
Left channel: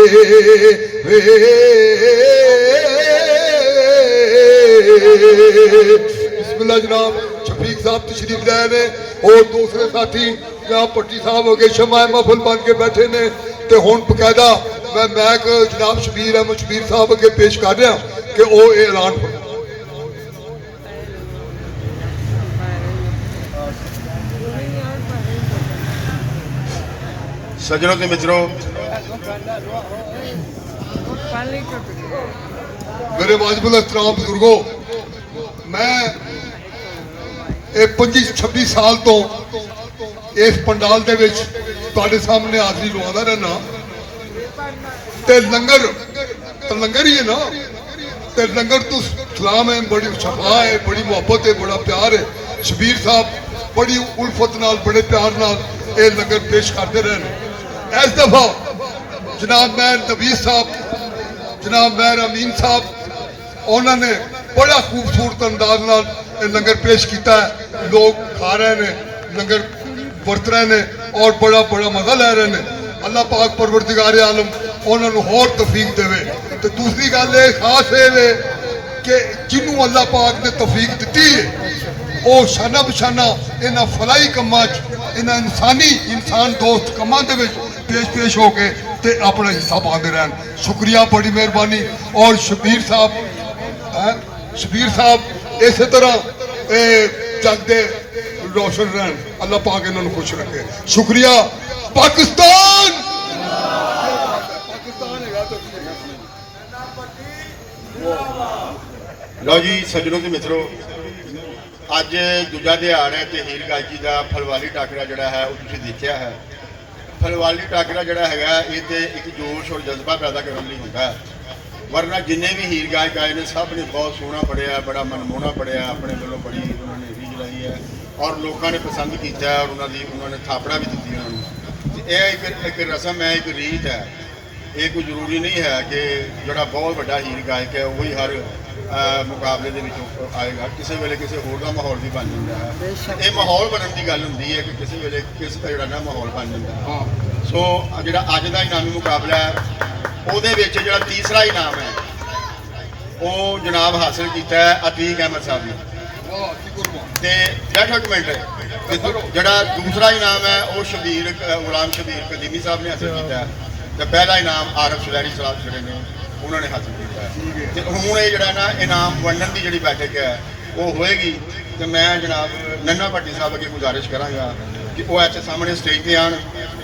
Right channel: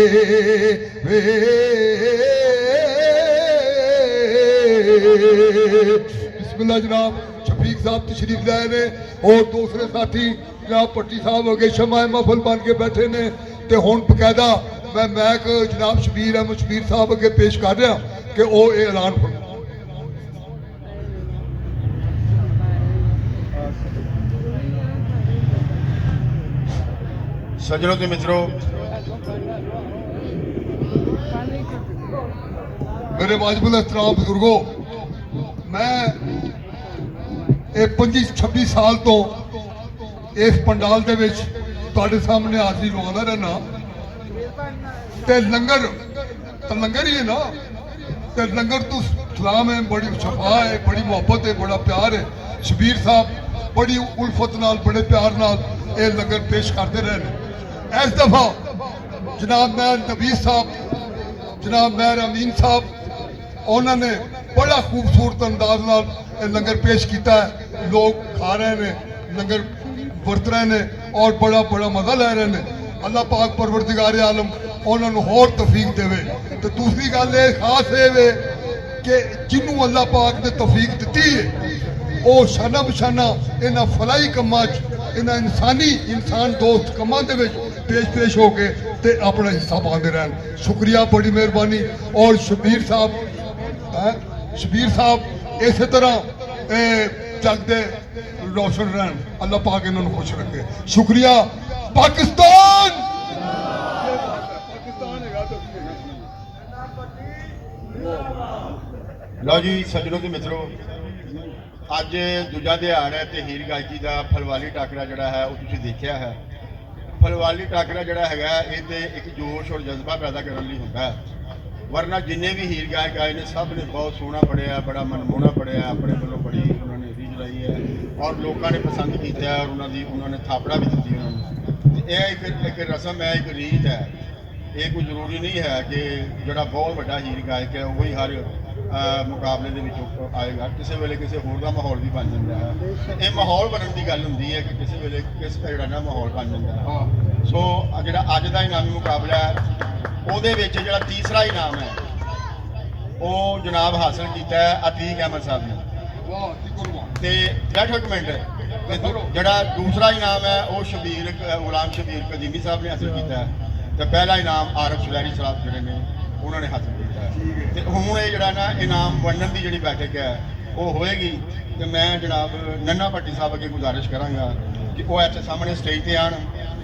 ਵੇ ਬਿਸਮਿਲ੍ਲਾ ਜਨਾਬ शफीक साहब तशरीफ लाए ने और दूसरे साथी जनाब पट्टी साहब हो गए शमाए महफल बन के बैठे ने ते हुण बकायदा मैं मैक जनाब शबीर अहमद शबीर साहब अगे पेश कर रहा कि वो ऐलान सज्जनों ते मित्रों मेरे वाजिबुल एहतराम बुजुर्गो मैं 25-26 साल तो इस पंडाल दे विच तुहाडे सामने हाज़री लवांदा रहना ते लंगर ही है ना ते लंगर तो सलाम है बड़ी शफा है बड़ी मुहब्बत है बड़ा प्यार है शबीर साहब बड़ी उल्फत नाल बड़े प्यार नाल ये लंगर पेश करते रहे इस दफा जनाब मैर नवीस साहब जनाब मैर अमीन साहब उन्होंने बड़ा खूबसूरत अंदाज नाल लंगर पेश किया है लोग खा रहे हैं लंगर वरत रहे हैं और बड़ा बड़ा मजा ले रहे हैं अल्लाह पाक परवरदिगार आलम उन्होंने होर तौफीक देवे तो दूसरी गल ये खास है कि जिन्हों अल्लाह पाक ने तौफीक दी है वो शाना बशाना इन्होंने फलाई कमां इन्होंने इंसान दोस्त कमां दे पेश हो के ते अपना हिस्सा पाते रहन शुक्रिया बड़ी मेहरबानी और शबीर साहब इस तरह जग दे रोशन रहन अल्लाह पाक इन्होंने खुश रखे शुक्रिया पाकिस्तान लो जी सज्जनों के मित्रों अज दूजा दिहाड़ है तो हीर गायकी का फलवाली टाकरा जोड़ा है वो तुसीं देखिया है फलवाली टाकरा जोड़ा है ये तो एक जोश और जज्बा पैदा करने लिए होता है वरना जिन्हें भी हीर गायक आए ने सब ने बहुत सोहना पढ़िया बड़ा मनमोहना पढ़िया अपने वालों बड़ी उन्होंने रीझ लाई है और लोगों ने पसंद किया और उन्होंने थापड़ा भी दी उन्होंने एक रस्म है एक रीत है ये कोई जरूरी नहीं है कि जोड़ा बहुत बड़ा हीर गायक है वही हर मुकाबले के आएगा किसी वेले किसी होर का माहौल भी बन जाता है ये माहौल बनने की गल होंगी है कि किसी वेले किस का जोड़ा ना माहौल बन जाता है सो जो अज का इनामी मुकाबला है ਉਹਦੇ ਵਿੱਚ ਜਿਹੜਾ ਤੀਸਰਾ ਇਨਾਮ ਹੈ ਉਹ ਜਨਾਬ ਹਾਸਲ ਕੀਤਾ ਹੈ ਅਤੀਕ ਅਹਿਮਦ ਸਾਹਿਬ ਨੇ ਤੇ ਬੈਠੋ ਇੱਕ ਮਿੰਟ ਜਿਹੜਾ ਦੂਸਰਾ ਇਨਾਮ ਹੈ ਉਹ ਸ਼ਬੀਰ ਗੁਲਾਮ ਸ਼ਬੀਰ ਕਦੀਮੀ ਸਾਹਿਬ ਨੇ ਹਾਸਲ ਕੀਤਾ ਹੈ ਤੇ ਪਹਿਲਾ ਇਨਾਮ ਆਰਫ ਸੁਲੈਰੀ ਸਾਹਿਬ ਜਿਹੜੇ ਨੇ ਉਹਨਾਂ ਨੇ ਹਾਸਲ ਕੀਤਾ ਹੈ ਤੇ ਹੁਣ ਇਹ ਜਿਹੜਾ ਨਾ ਇਨਾਮ ਵੰਡਣ ਦੀ ਜਿਹੜੀ ਬੈਠਕ ਹੈ ਉਹ ਹੋਏਗੀ ਤੇ ਮੈਂ ਜਨਾਬ ਨੰਨਾ ਭੱਟੀ ਸਾਹਿਬ ਅੱਗੇ ਗੁਜ਼ਾਰਿਸ਼ ਕਰਾਂਗਾ ਕਿ ਉਹ ਇੱਥੇ ਸਾਹਮਣੇ ਸਟੇਜ ਤੇ ਆਣ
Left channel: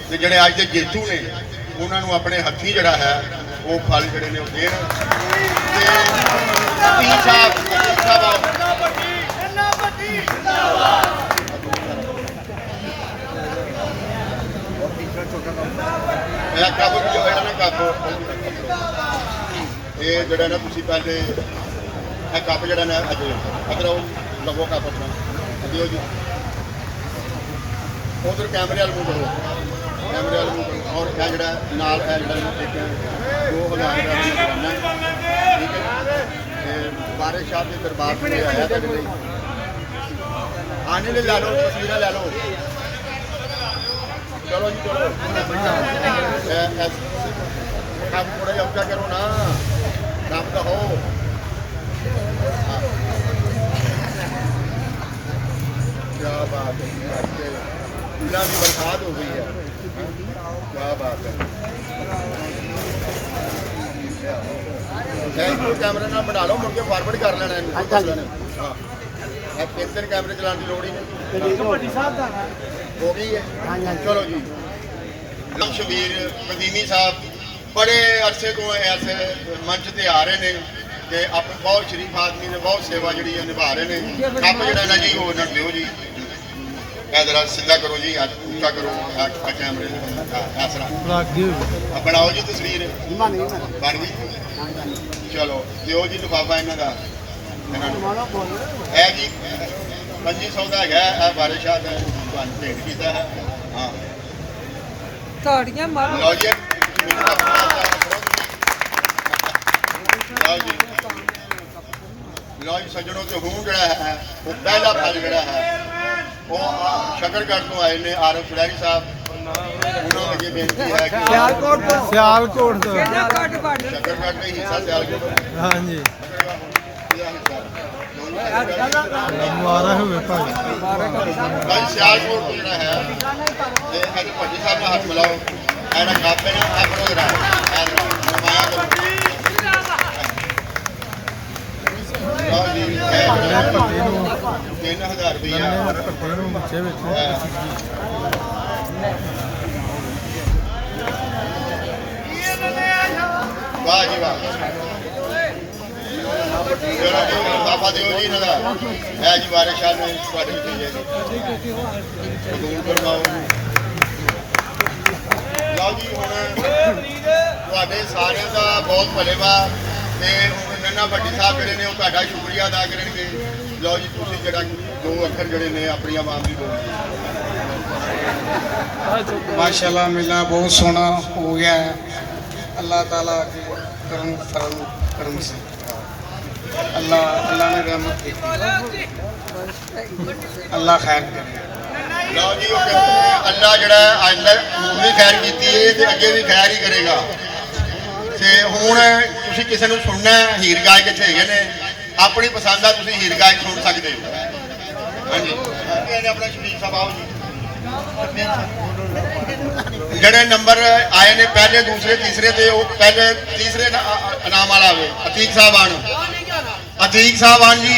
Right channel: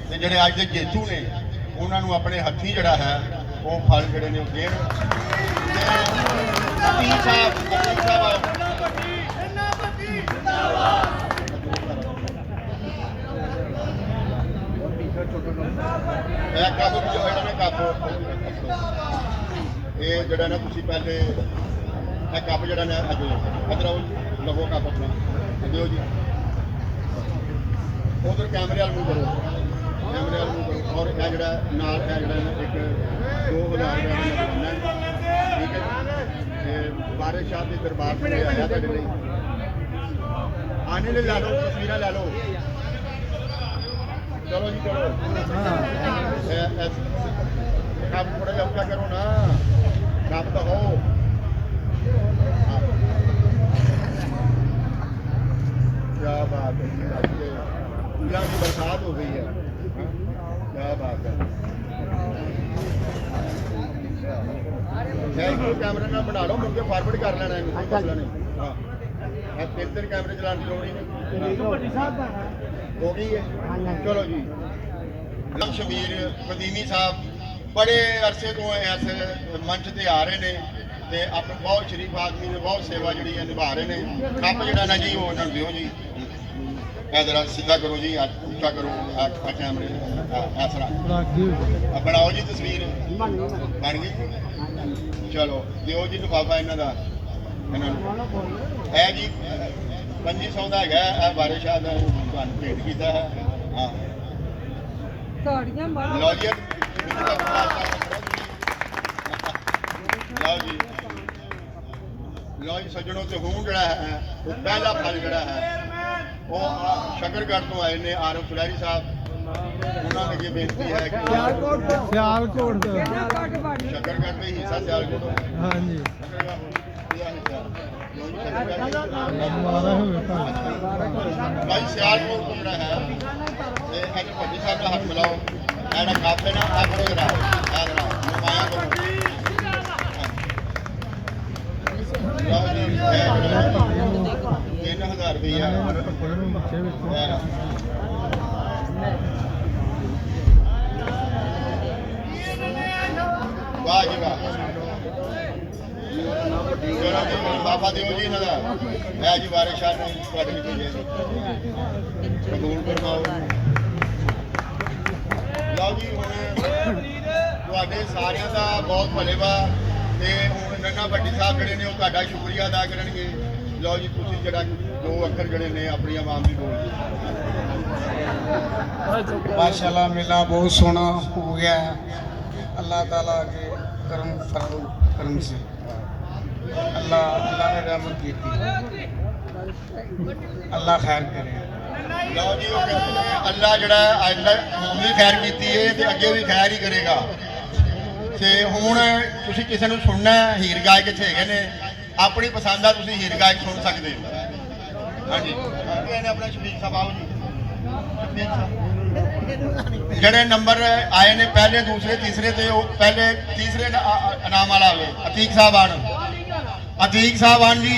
ਤੇ ਜਿਹੜੇ ਅੱਜ ਦੇ ਜੇਤੂ ਨੇ उन्होंने अपने हथी जड़ा है वो फल जड़े ने देन कप ये जड़ा ना तुसी पहले कप जड़ा ना अज अगर लवो कप अपना दियो जी उधर कैमरे वाल मूव करो कैमरे वाले और यह जरा नाल है जरा एक 2000 ठीक है बारिश शाह के दरबार से आया आने ले ला लो तस्वीर ले लो चलो जी चलो आप थोड़ा जा ऊँचा करो ना काम तो हो क्या बात है, आज के फूलों की बरसात हो गई है। क्या बात है। कैमरे ना बना लो, मुड़ के फॉरवर्ड कर लेना है। हाँ, तीन कैमरे चलाने की लोड़ ही नहीं, हो गई है। चलो जी। शबीर कदीमी साहब बड़े अरसे तो इस मंच से आ रहे हैं ਤੇ ਆਪਣੇ ਬਹੁਤ ਸ਼ਰੀਫ ਆਦਮੀ ਨੇ ਬਹੁਤ ਸੇਵਾ ਜਿਹੜੀ ਹੈ ਨਿਭਾ ਰਹੇ ਨੇ। ਕੱਪ ਜਿਹੜਾ ਨਾ ਜੀ ਉਹ ਉਹਨਾਂ ਨੂੰ ਦਿਓ ਜੀ। ਇਹ ਜਰਾ ਸਿੱਧਾ ਕਰੋ ਜੀ, ਉੱਚਾ ਕਰੋ ਆ ਕੈਮਰੇ ਇਸ ਤਰ੍ਹਾਂ ਬਣਾਓ ਜੀ ਤਸਵੀਰ। ਬਣ ਗਈ। ਚਲੋ ਦਿਓ ਜੀ ਲਿਫਾਫਾ ਇਹਨਾਂ ਦਾ, ਇਹਨਾਂ ਨੂੰ। ਇਹ ਜੀ 2500 ਦਾ ਹੈਗਾ, ਇਹ ਬਾਰਿਸ਼ ਆ ਦਾ ਤੁਹਾਨੂੰ ਭੇਟ ਕੀਤਾ ਹੈ। ਹਾਂ ਤਾੜੀਆਂ ਮਾਰੋ। ਲਓ ਜੀ ਲਓ ਜੀ ਲਓ ਜੀ ਸੱਜਣੋ, ਤੇ ਹੁਣ ਜਿਹੜਾ ਹੈ ਉਹ ਪਹਿਲਾ ਫਲ ਜਿਹੜਾ ਹੈ ਉਹ ਸ਼ਕਰਗੜ੍ਹ ਤੋਂ ਆਏ ਨੇ ਆਰਫ ਖਿਡਾਰੀ ਸਾਹਿਬ। ਉਹਨਾਂ ਦੇ ਅੱਗੇ ਬੇਨਤੀ ਹੈ ਕਿ ਸਿਆਲਕੋਟ ਤੋਂ ਸਿਆਲਕੋਟ ਤੋਂ ਕਿਹੜਾ ਕੱਟ ਵੱਢ ਸ਼ਕਰਗੜ੍ਹ ਦਾ ਹੀ ਹਿੱਸਾ ਸਿਆਲਕੋਟ ਹਾਂਜੀ ਮੁਬਾਰਕ ਹੋਵੇ ਭਾਈ। ਭਾਈ ਸਿਆਲਕੋਟ ਤੋਂ ਜਿਹੜਾ ਹੈ ਤੇ ਅੱਜ ਭੱਜੀ ਸਾਹਿਬ ਨਾਲ ਹੱਥ ਮਿਲਾਓ। ਇਹਦਾ ਕੱਪ ਹੈ ਨਾ, ਇਹ ਫੜੋ ਜਰਾ, ਇਹ ਜਰਾ ਨਮਾਇਆ ਕਰੋ। ਲਓ ਜੀ, ਇਹ ਜਿਹੜਾ 3000 ਰੁਪਇਆ ਪੱਤੇ ਨੂੰ ਬੱਚੇ ਵਿੱਚ ਵਾਹ ਜੀ ਵਾਹ। ਚਲੋ ਜੀ ਲਿਫਾਫਾ ਦਿਓ ਜੀ ਇਹਨਾਂ ਦਾ। ਇਹ ਜੀ ਬਾਰਿਸ਼ ਸਾਹਿਬ ਨੇ ਤੁਹਾਡੇ ਵਿੱਚ ਜੀ ਕਬੂਲ ਕਰਵਾਓ। ਲਓ ਜੀ ਹੁਣ ਤੁਹਾਡੇ ਸਾਰਿਆਂ ਦਾ ਬਹੁਤ ਭਲੇਵਾ ਤੇ ਹੁਣ ਨੰਨਾ ਭੱਟੀ ਸਾਹਿਬ ਜਿਹੜੇ ਨੇ ਉਹ ਤੁਹਾਡਾ ਸ਼ੁਕਰੀਆ ਅਦਾ ਕਰਨਗੇ। ਲਓ ਜੀ ਤੁਸੀਂ ਜਿਹੜਾ ਦੋ ਅੱਖਰ ਜਿਹੜੇ ਨੇ ਆਪਣੀ ਆਵਾਮ ਦੀ ਬੋਲ। माशाल्लाह मेला बहुत सोना हो गया है। अल्लाह ताला के करम से अल्लाह ने रहमत की, अल्लाह खैर करे। ਲਓ ਜੀ ਉਹ ਕਹਿੰਦੇ ਨੇ ਅੱਲਾ ਜਿਹੜਾ ਅੱਜ ਹੁਣ ਵੀ ਖੈਰ ਕੀਤੀ ਹੈ ਤੇ ਅੱਗੇ ਵੀ ਖੈਰ ਹੀ ਕਰੇਗਾ। ਤੇ ਹੁਣ ਤੁਸੀਂ ਕਿਸੇ ਨੂੰ ਸੁਣਨਾ ਹੈ, ਹੀਰ ਗਾਇਕ ਇੱਥੇ ਹੈਗੇ ਨੇ, ਆਪਣੀ ਪਸੰਦ ਦਾ ਤੁਸੀਂ ਹੀਰ ਗਾਇਕ ਸੁਣ ਸਕਦੇ ਹੋ। ਹਾਂਜੀ ਇਹਨੇ ਆਪਣਾ ਸ਼ਬੀਰ ਸਾਹਿਬ ਆਓ ਜੀ। ਜਿਹੜੇ ਨੰਬਰ ਆਏ ਨੇ ਪਹਿਲੇ ਦੂਸਰੇ ਤੀਸਰੇ ਤੇ ਉਹ ਪਹਿਲੇ ਤੀਸਰੇ ਇਨਾਮ ਵਾਲਾ ਆਵੇ। ਅਤੀਕ ਸਾਹਿਬ ਆਣ, ਅਤੀਕ ਸਾਹਿਬ ਆਣ ਜੀ,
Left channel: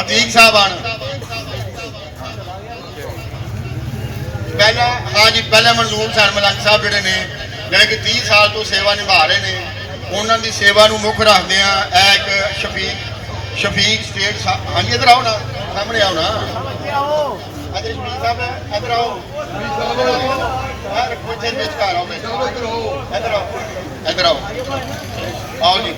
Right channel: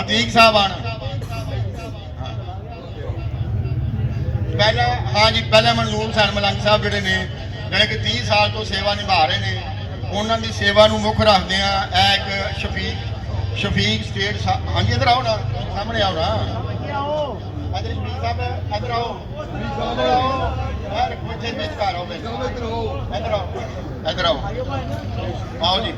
ਅਤੀਕ ਸਾਹਿਬ ਆਣ। ਪਹਿਲਾ ਹਾਂ ਜੀ, ਪਹਿਲੇ ਮਨਜ਼ੂਰ ਹੁਸੈਨ ਮਲੰਗ ਸਾਹਿਬ ਜਿਹੜੇ ਨੇ ਜਿਹੜੇ ਕਿ 30 ਸਾਲ ਤੋਂ ਸੇਵਾ ਨਿਭਾ ਰਹੇ ਨੇ, ਉਹਨਾਂ ਦੀ ਸੇਵਾ ਨੂੰ ਮੁੱਖ ਰੱਖਦੇ ਆ ਇਹ ਇੱਕ ਸ਼ਫੀਕ ਸਟੇਟ ਹਾਂਜੀ ਇੱਧਰ ਆਓ ਨਾ, ਸਾਹਮਣੇ ਆਓ ਨਾ। ਇੱਧਰ ਸ਼ਫੀਕ ਸਾਹਿਬ ਇੱਧਰ ਆਓ, ਰੱਖੋ ਇੱਥੇ ਵਿਚਕਾਰ ਆਓ, ਇੱਧਰ ਆਓ, ਇੱਧਰ ਆਓ, ਆਓ ਜੀ।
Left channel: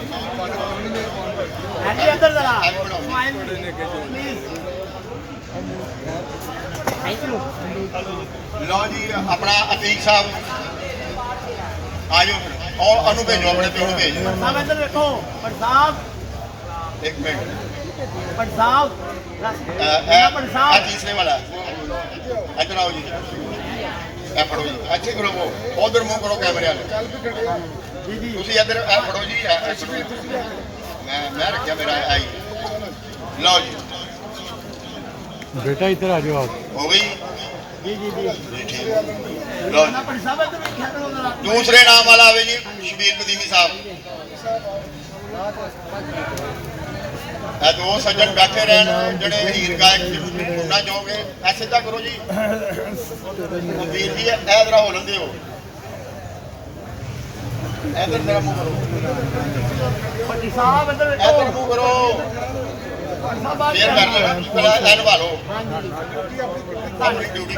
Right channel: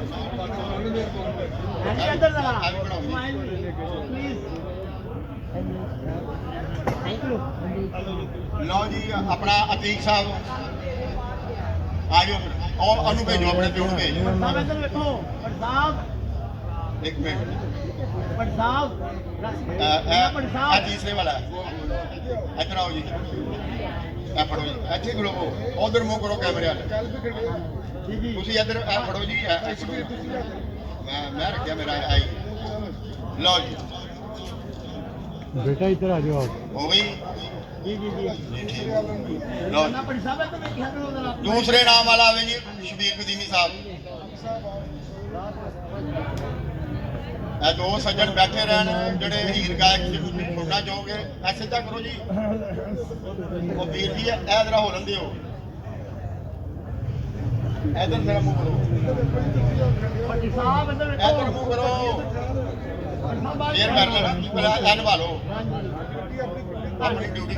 ਲਓ ਜੀ ਆਪਣਾ ਅਤੀਕ ਸਾਹਿਬ ਆ ਜਾਓ ਔਰ ਉਹਨੂੰ ਭੇਜੋ, ਆਪਣੇ ਪਿਓ ਨੂੰ ਭੇਜੋ। ਇੱਧਰ ਵੇਖੋ ਭੱਟ ਸਾਹਿਬ, ਇੱਕ ਮਿੰਟ ਭੱਟ ਸਾਹਿਬ ਇਹ ਤੀਸਰੇ ਵਾਲਾ ਇੱਧਰ ਆਓ ਜੀ। ਇਹ ਫੜੋ ਜੀ, ਇੱਥੇ ਖਲੋਵੋ, ਉਧਰ ਮੂੰਹ ਕਰੋ ਕੈਮਰੇ ਵਾਲੇ। ਤੁਸੀਂ ਇੱਧਰ ਇਹ ਫੜੋ ਜੀ, ਮੈਂ ਰੱਖਿਆ ਮੇਰਾ ਆਈ। ਲਓ ਜੀ बेटा इधर आ जाओ आप। ਹੋ ਗਈ ਜੀ ਜੀ ਜੀ। ਲਓ ਜੀ ਭੱਟ ਸਾਹਿਬ ਇੱਧਰ ਵੇਖਿਆ ਕਰੋ ਜ਼ਰਾ। ਦੂਸਰੇ ਨਾਮ ਵਾਲਾ ਆਵੇ ਜੀ ਸ਼ਬੀਰ ਕਦੀਮੀ ਸਾਹਿਬ। ਇਹ ਦੋ ਸੱਜਣ ਬੈਠੇ ਰਹਿਣ ਜਿਹੜੇ ਹੀਰ ਗਾਇਕ ਸੁਣਨਾ ਚਾਹੋਗੇ। ਐਸੇ ਤਾਂ ਕਰੋ ਜੀ, ਉਹ ਵੀਰ ਜੀ ਇਹ ਜਰਾ ਹੋ ਲੰਦੇ ਹੋ, ਇਧਰ ਜਰਾ ਮੂੰਹ ਕਰੋ, ਭੱਟ ਸਾਹਿਬ ਇੱਧਰ ਵੇਖੋ। ਇਧਰ ਮੂੰਹ ਕਰੋ, ਫੇਰ ਕਰ ਲਓ, ਪਹਿਲਾਂ ਇਹ ਨਿਭਾ ਲਓ ਆਪਣੀ ਡਿਊਟੀ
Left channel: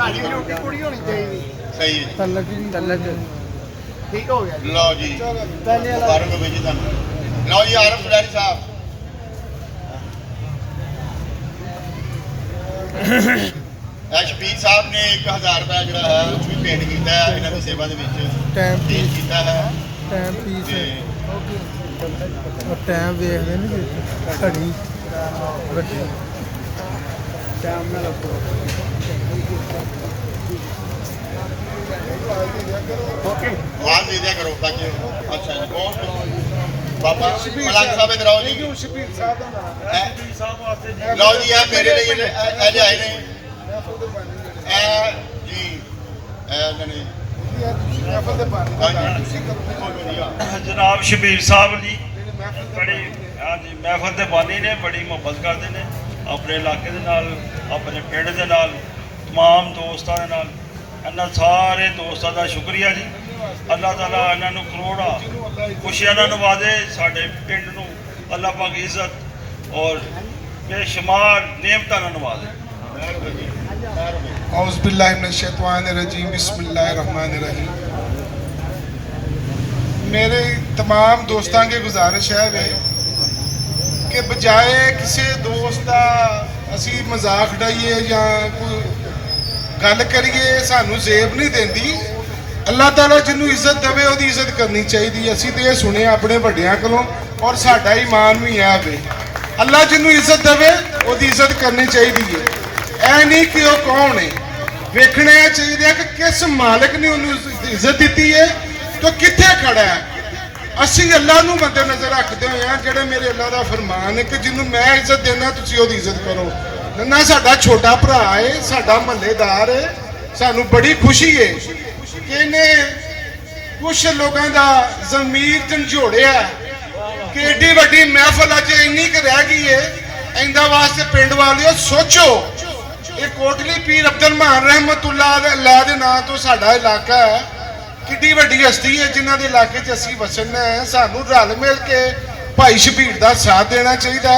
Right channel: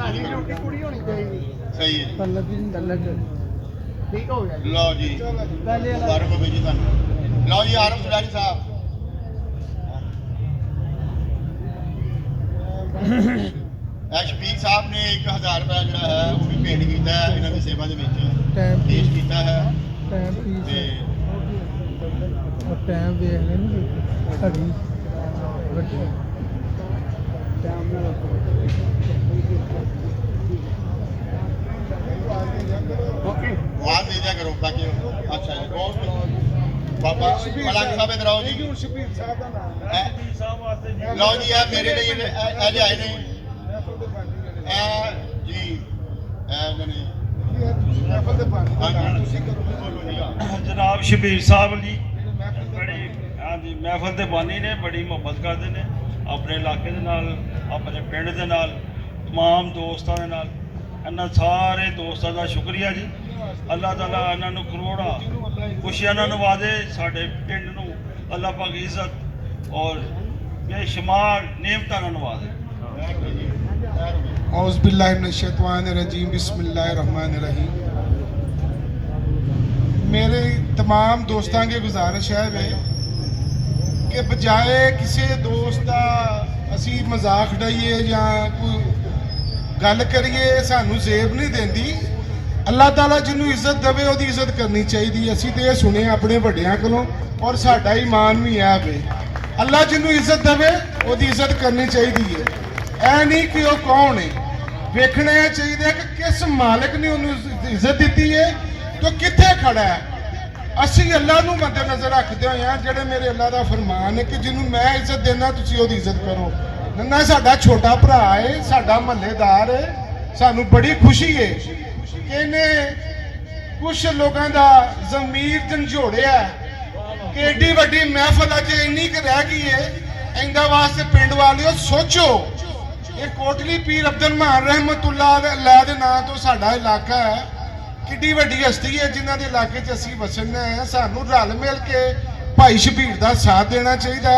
ਪੂਰੀ ਹੋਣੀ ਚਾਹੀਦੀ। ਸਹੀ ਹੈ। तलक ਠੀਕ ਹੋ ਗਿਆ। ਲਓ ਜੀ ਪਹਿਲੇ ਵਾਲਾ ਬਾਰਕ ਹੋ ਜੀ ਤੁਹਾਨੂੰ। ਲਓ ਜੀ ਆਰਫ ਖਿਡਾਰੀ ਸਾਹਿਬ, ਸ਼ਬੀਰ ਸਾਹਿਬ ਨੇ 1000 ਰੁਪਏ ਜਿਹੜਾ ਹੈ ਉਹ ਵੀ ਭੇਂਟ ਕੀਤਾ ਹੈ ਇਹਨਾਂ ਦੀ ਸੇਵਾ ਦੇ ਵਿੱਚ टाइम ਭੇਂਟ ਕੀਤਾ ਹੈ। टाइम पीस ਤੇ और टाइम देख लेने घड़ी ਵੱਡੀ टाइम में लगो ਆਵਾਜ਼ ਦੇ ਦਿਆ ਕਰੋ ਤਾਂ ਕਿ ਅੱਛਾ ਜੀ ਬਹੁਤ ਬਾਬਾ ਮਲੰਗ ਸਾਹਿਬ ਇਧਰ ਆਓ ਜੀ ਸ਼ਬੀਰ ਸਾਹਿਬ ਦਾ ਨਾਮ ਲਓ ਜੀ ਇਹ ਮੇਰੇ ਲਈ ਇਹ ਲਿਆਏ ਨੇ ਇਹ ਜੀ ਇਹਨਾਂ ਨੇ ਮਹਿਫਲ ਦੇ ਬਾਰੇ ਹਾਂਜੀ ਬੋਲੋ ਜੀ ਜਨਾਬ ਸ਼ਬੀਰ ਸਾਹਿਬ ਜੀ ਬੜੀ ਹਾਂਜੀ ਮਹਿਫਲ ਦੇ ਬਾਨੀ ਨੇ, ਬੜੀ ਮੁਹੱਬਤ ਕਰਦੇ ਨੇ ਆਪਣੇ ਇਲਾਕੇ ਦੇ ਨਾਲ, ਆਪਣੇ ਪਿੰਡ ਦੇ ਨਾਲ, तमाम ਦੋਸਤਾਂ ਦੇ ਨਾਲ। ਇਹਨਾਂ ਸਾਰੇ ਦੋਸਤਾਂ ਦਾ ਸ਼ੁਕਰੀਆ ਜੀ। ਅੱਲਾਹ ਤਾਲਾ ਇਹਨਾਂ ਨੂੰ ਕਰੋੜਾਂ ਖੁਸ਼ੀਆਂ ਨਾਲ ਨਵਾਜ਼ੇ, ਸਾਡੇ ਪਿੰਡ ਨੂੰ ਅੱਲਾਹ ਪਾਕ ਇੱਜ਼ਤ ਔਰ ਬੇਸ਼ੁਮਾਰ नेमतां ਨਾਲ नवाजे। औज़ बिल्लाहि मिनश शैतानिर रजीम बिस्मिल्लाहिर रहमानिर रहीम। मेरे तमाम दोस्तों की गुजारिश है वे कि बजाए किसी दोस्त का असी मजाक उड़ाइए या कोई गल करिए सानू जेब नहीं देंदी। अल्लाह ताला जिन्हों इज्जत देवे उसकी इज्जत करनी चाहिए। असी तो यह सुने अपने वड्डियां कोलों और साडा ईमान भी है वे अल्लाह जिन्हों इज्जत देवे उसकी इज्जत करनी चाहिए। ऐ नहीं कि वह कौन है, वेखना चाहिए कि किस मालिक ने उन्होंने इज्जत दी है तो कित्थे खड़ा है। असी अल्लाह नूं मद्देनज़र रखते हुए हैं जिहड़े मेरे अल्लाह का फरमान है कि जिन्होंने मैं इज्जत देना तुसीं उसदी इज्जत करो। नन्ना साडा छोटा भरा है, साडा महल्लेदार है, सानू बड़ी खुशी है कि इन्हें कुछ लोगों का ज़मीर झंझोड़िया कि एडी वड्डी महफल अज इन्नी क रह गई है। इंदा वास्ते पिंड वालियो सोचो, ये कोटली पीर अब्दुल मान रहमतुल्लाह अल्लाह दे नाम तो साडा इलाका है, किड्डी वड्डी हस्ती है जिन्हां दे इलाके च असीं वसना है। सानू रल मिल के भाई शबीर दा साथ देना चाहिए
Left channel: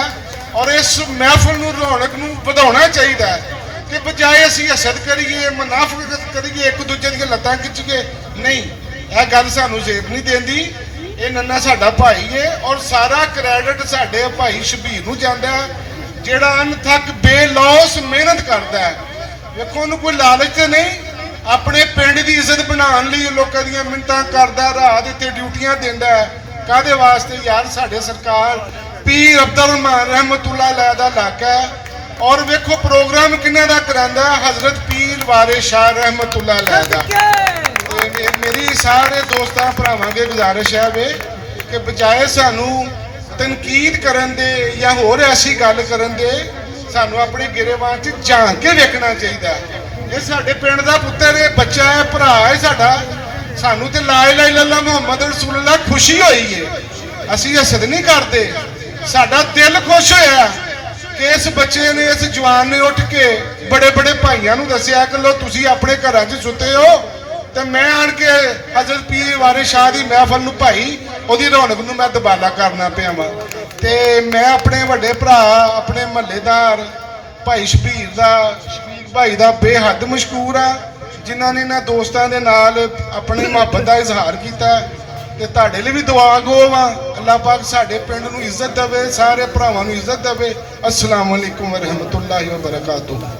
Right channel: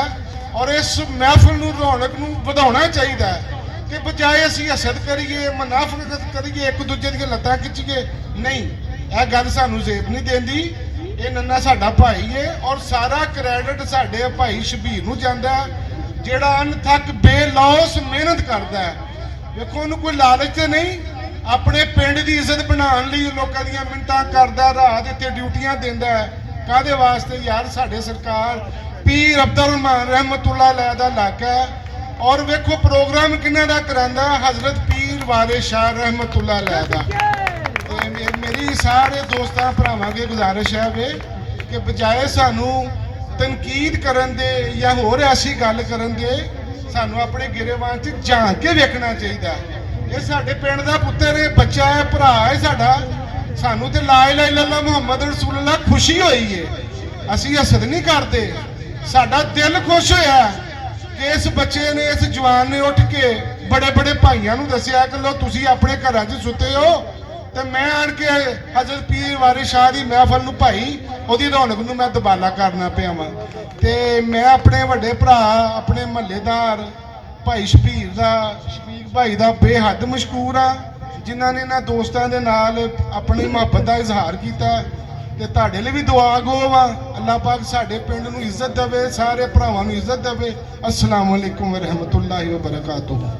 और इस महफिल नूं रौनक नूं वधाउणा चाहिए कि बजाए असीं हसद करिए, मुनाफिकत करिए, एक दूजे दी लत्तां खिच्चीए, नहीं, यह गल सानू जेब नहीं देंदी। ये नन्ना साडा भाई है और सारा क्रेडिट साडे भाई शबीर नूं जांदा है ਜਿਹੜਾ ਅਣਥੱਕ ਬੇਲੌਸ ਮਿਹਨਤ ਕਰਦਾ ਹੈ। ਵੇਖੋ ਉਹਨੂੰ ਕੋਈ ਲਾਲਚ ਤੇ ਨਹੀਂ, ਆਪਣੇ ਪਿੰਡ ਦੀ ਇੱਜ਼ਤ ਬਣਾਉਣ ਲਈ ਲੋਕਾਂ ਦੀਆਂ ਮਿੰਨਤਾਂ ਕਰਦਾ, ਰਾਤ ਇੱਥੇ ਡਿਊਟੀਆਂ ਦਿੰਦਾ ਹੈ। ਕਾਹਦੇ ਵਾਸਤੇ ਯਾਰ? ਸਾਡੇ ਸਰਕਾਰ ਪੀਰ ਅਬਦੁਲ ਮਾਨ ਰਹਿਮਤੁल्लाह ਅਲੈਹ ਦਾ ਇਲਾਕਾ ਹੈ ਔਰ ਵੇਖੋ ਪ੍ਰੋਗਰਾਮ ਕਿਹਨਾਂ ਦਾ ਕਰਾਂਦਾ, ਹਜ਼ਰਤ ਪੀਰ ਵਾਰਿਸ ਸ਼ਾਹ ਰਹਿਮਤੁल्लाह ਅਲੈਹ ਦਾ। ਤੇ ਮੇਰੀ ਸਾਰੇ ਦੋਸਤਾਂ ਭਰਾਵਾਂ ਦੀ ਗੁਜ਼ਾਰਿਸ਼ ਹੈ ਵੇ ਕਿ ਬਜਾਏ ਸਾਨੂੰ तनकीद करन दे या होर ऐसी गल करन दे, सानू अपने गिरेबान च झांक के वेखना चाहिए। ये साडे पिंड दा पुत्तर है, बच्चा है, भरा है साडा। सानू ते ला इलाहा इल्लल्लाह मुहम्मद रसूलुल्लाह खुशी होई है, असी हसद नहीं करते। साडा दिल खुश होया कि इस बच्चे ने, इस जवान ने उठ के बड़े बड़े भाइयों नूं दस्सिया कि लो तुसीं अपने घरां च सुते हो तो मैं आन के हजरत पीर वारिस शाह की महफल नूं भाई ਉਹਦੀ रौनक नूं मैं दबाला करना पिया वा। ते मैं अपने वड्डे भरा, अपने महल्लेदार भाई शबीर भाई दा बेहद मशकूर हाँ जिन्हां ने इन्हां दोस्तां दे नाल अपनी मुहब्बत का इजहार किया। ते तुहाडे लई भी दुआ गो वा, अल्लाह पाक साडे पिंड नूं इज्जत देवे, सारे भरावां नूं इज्जत देवे। अस्सलाम वालेकुम व रहमतुल्लाहि व बरकातुहू।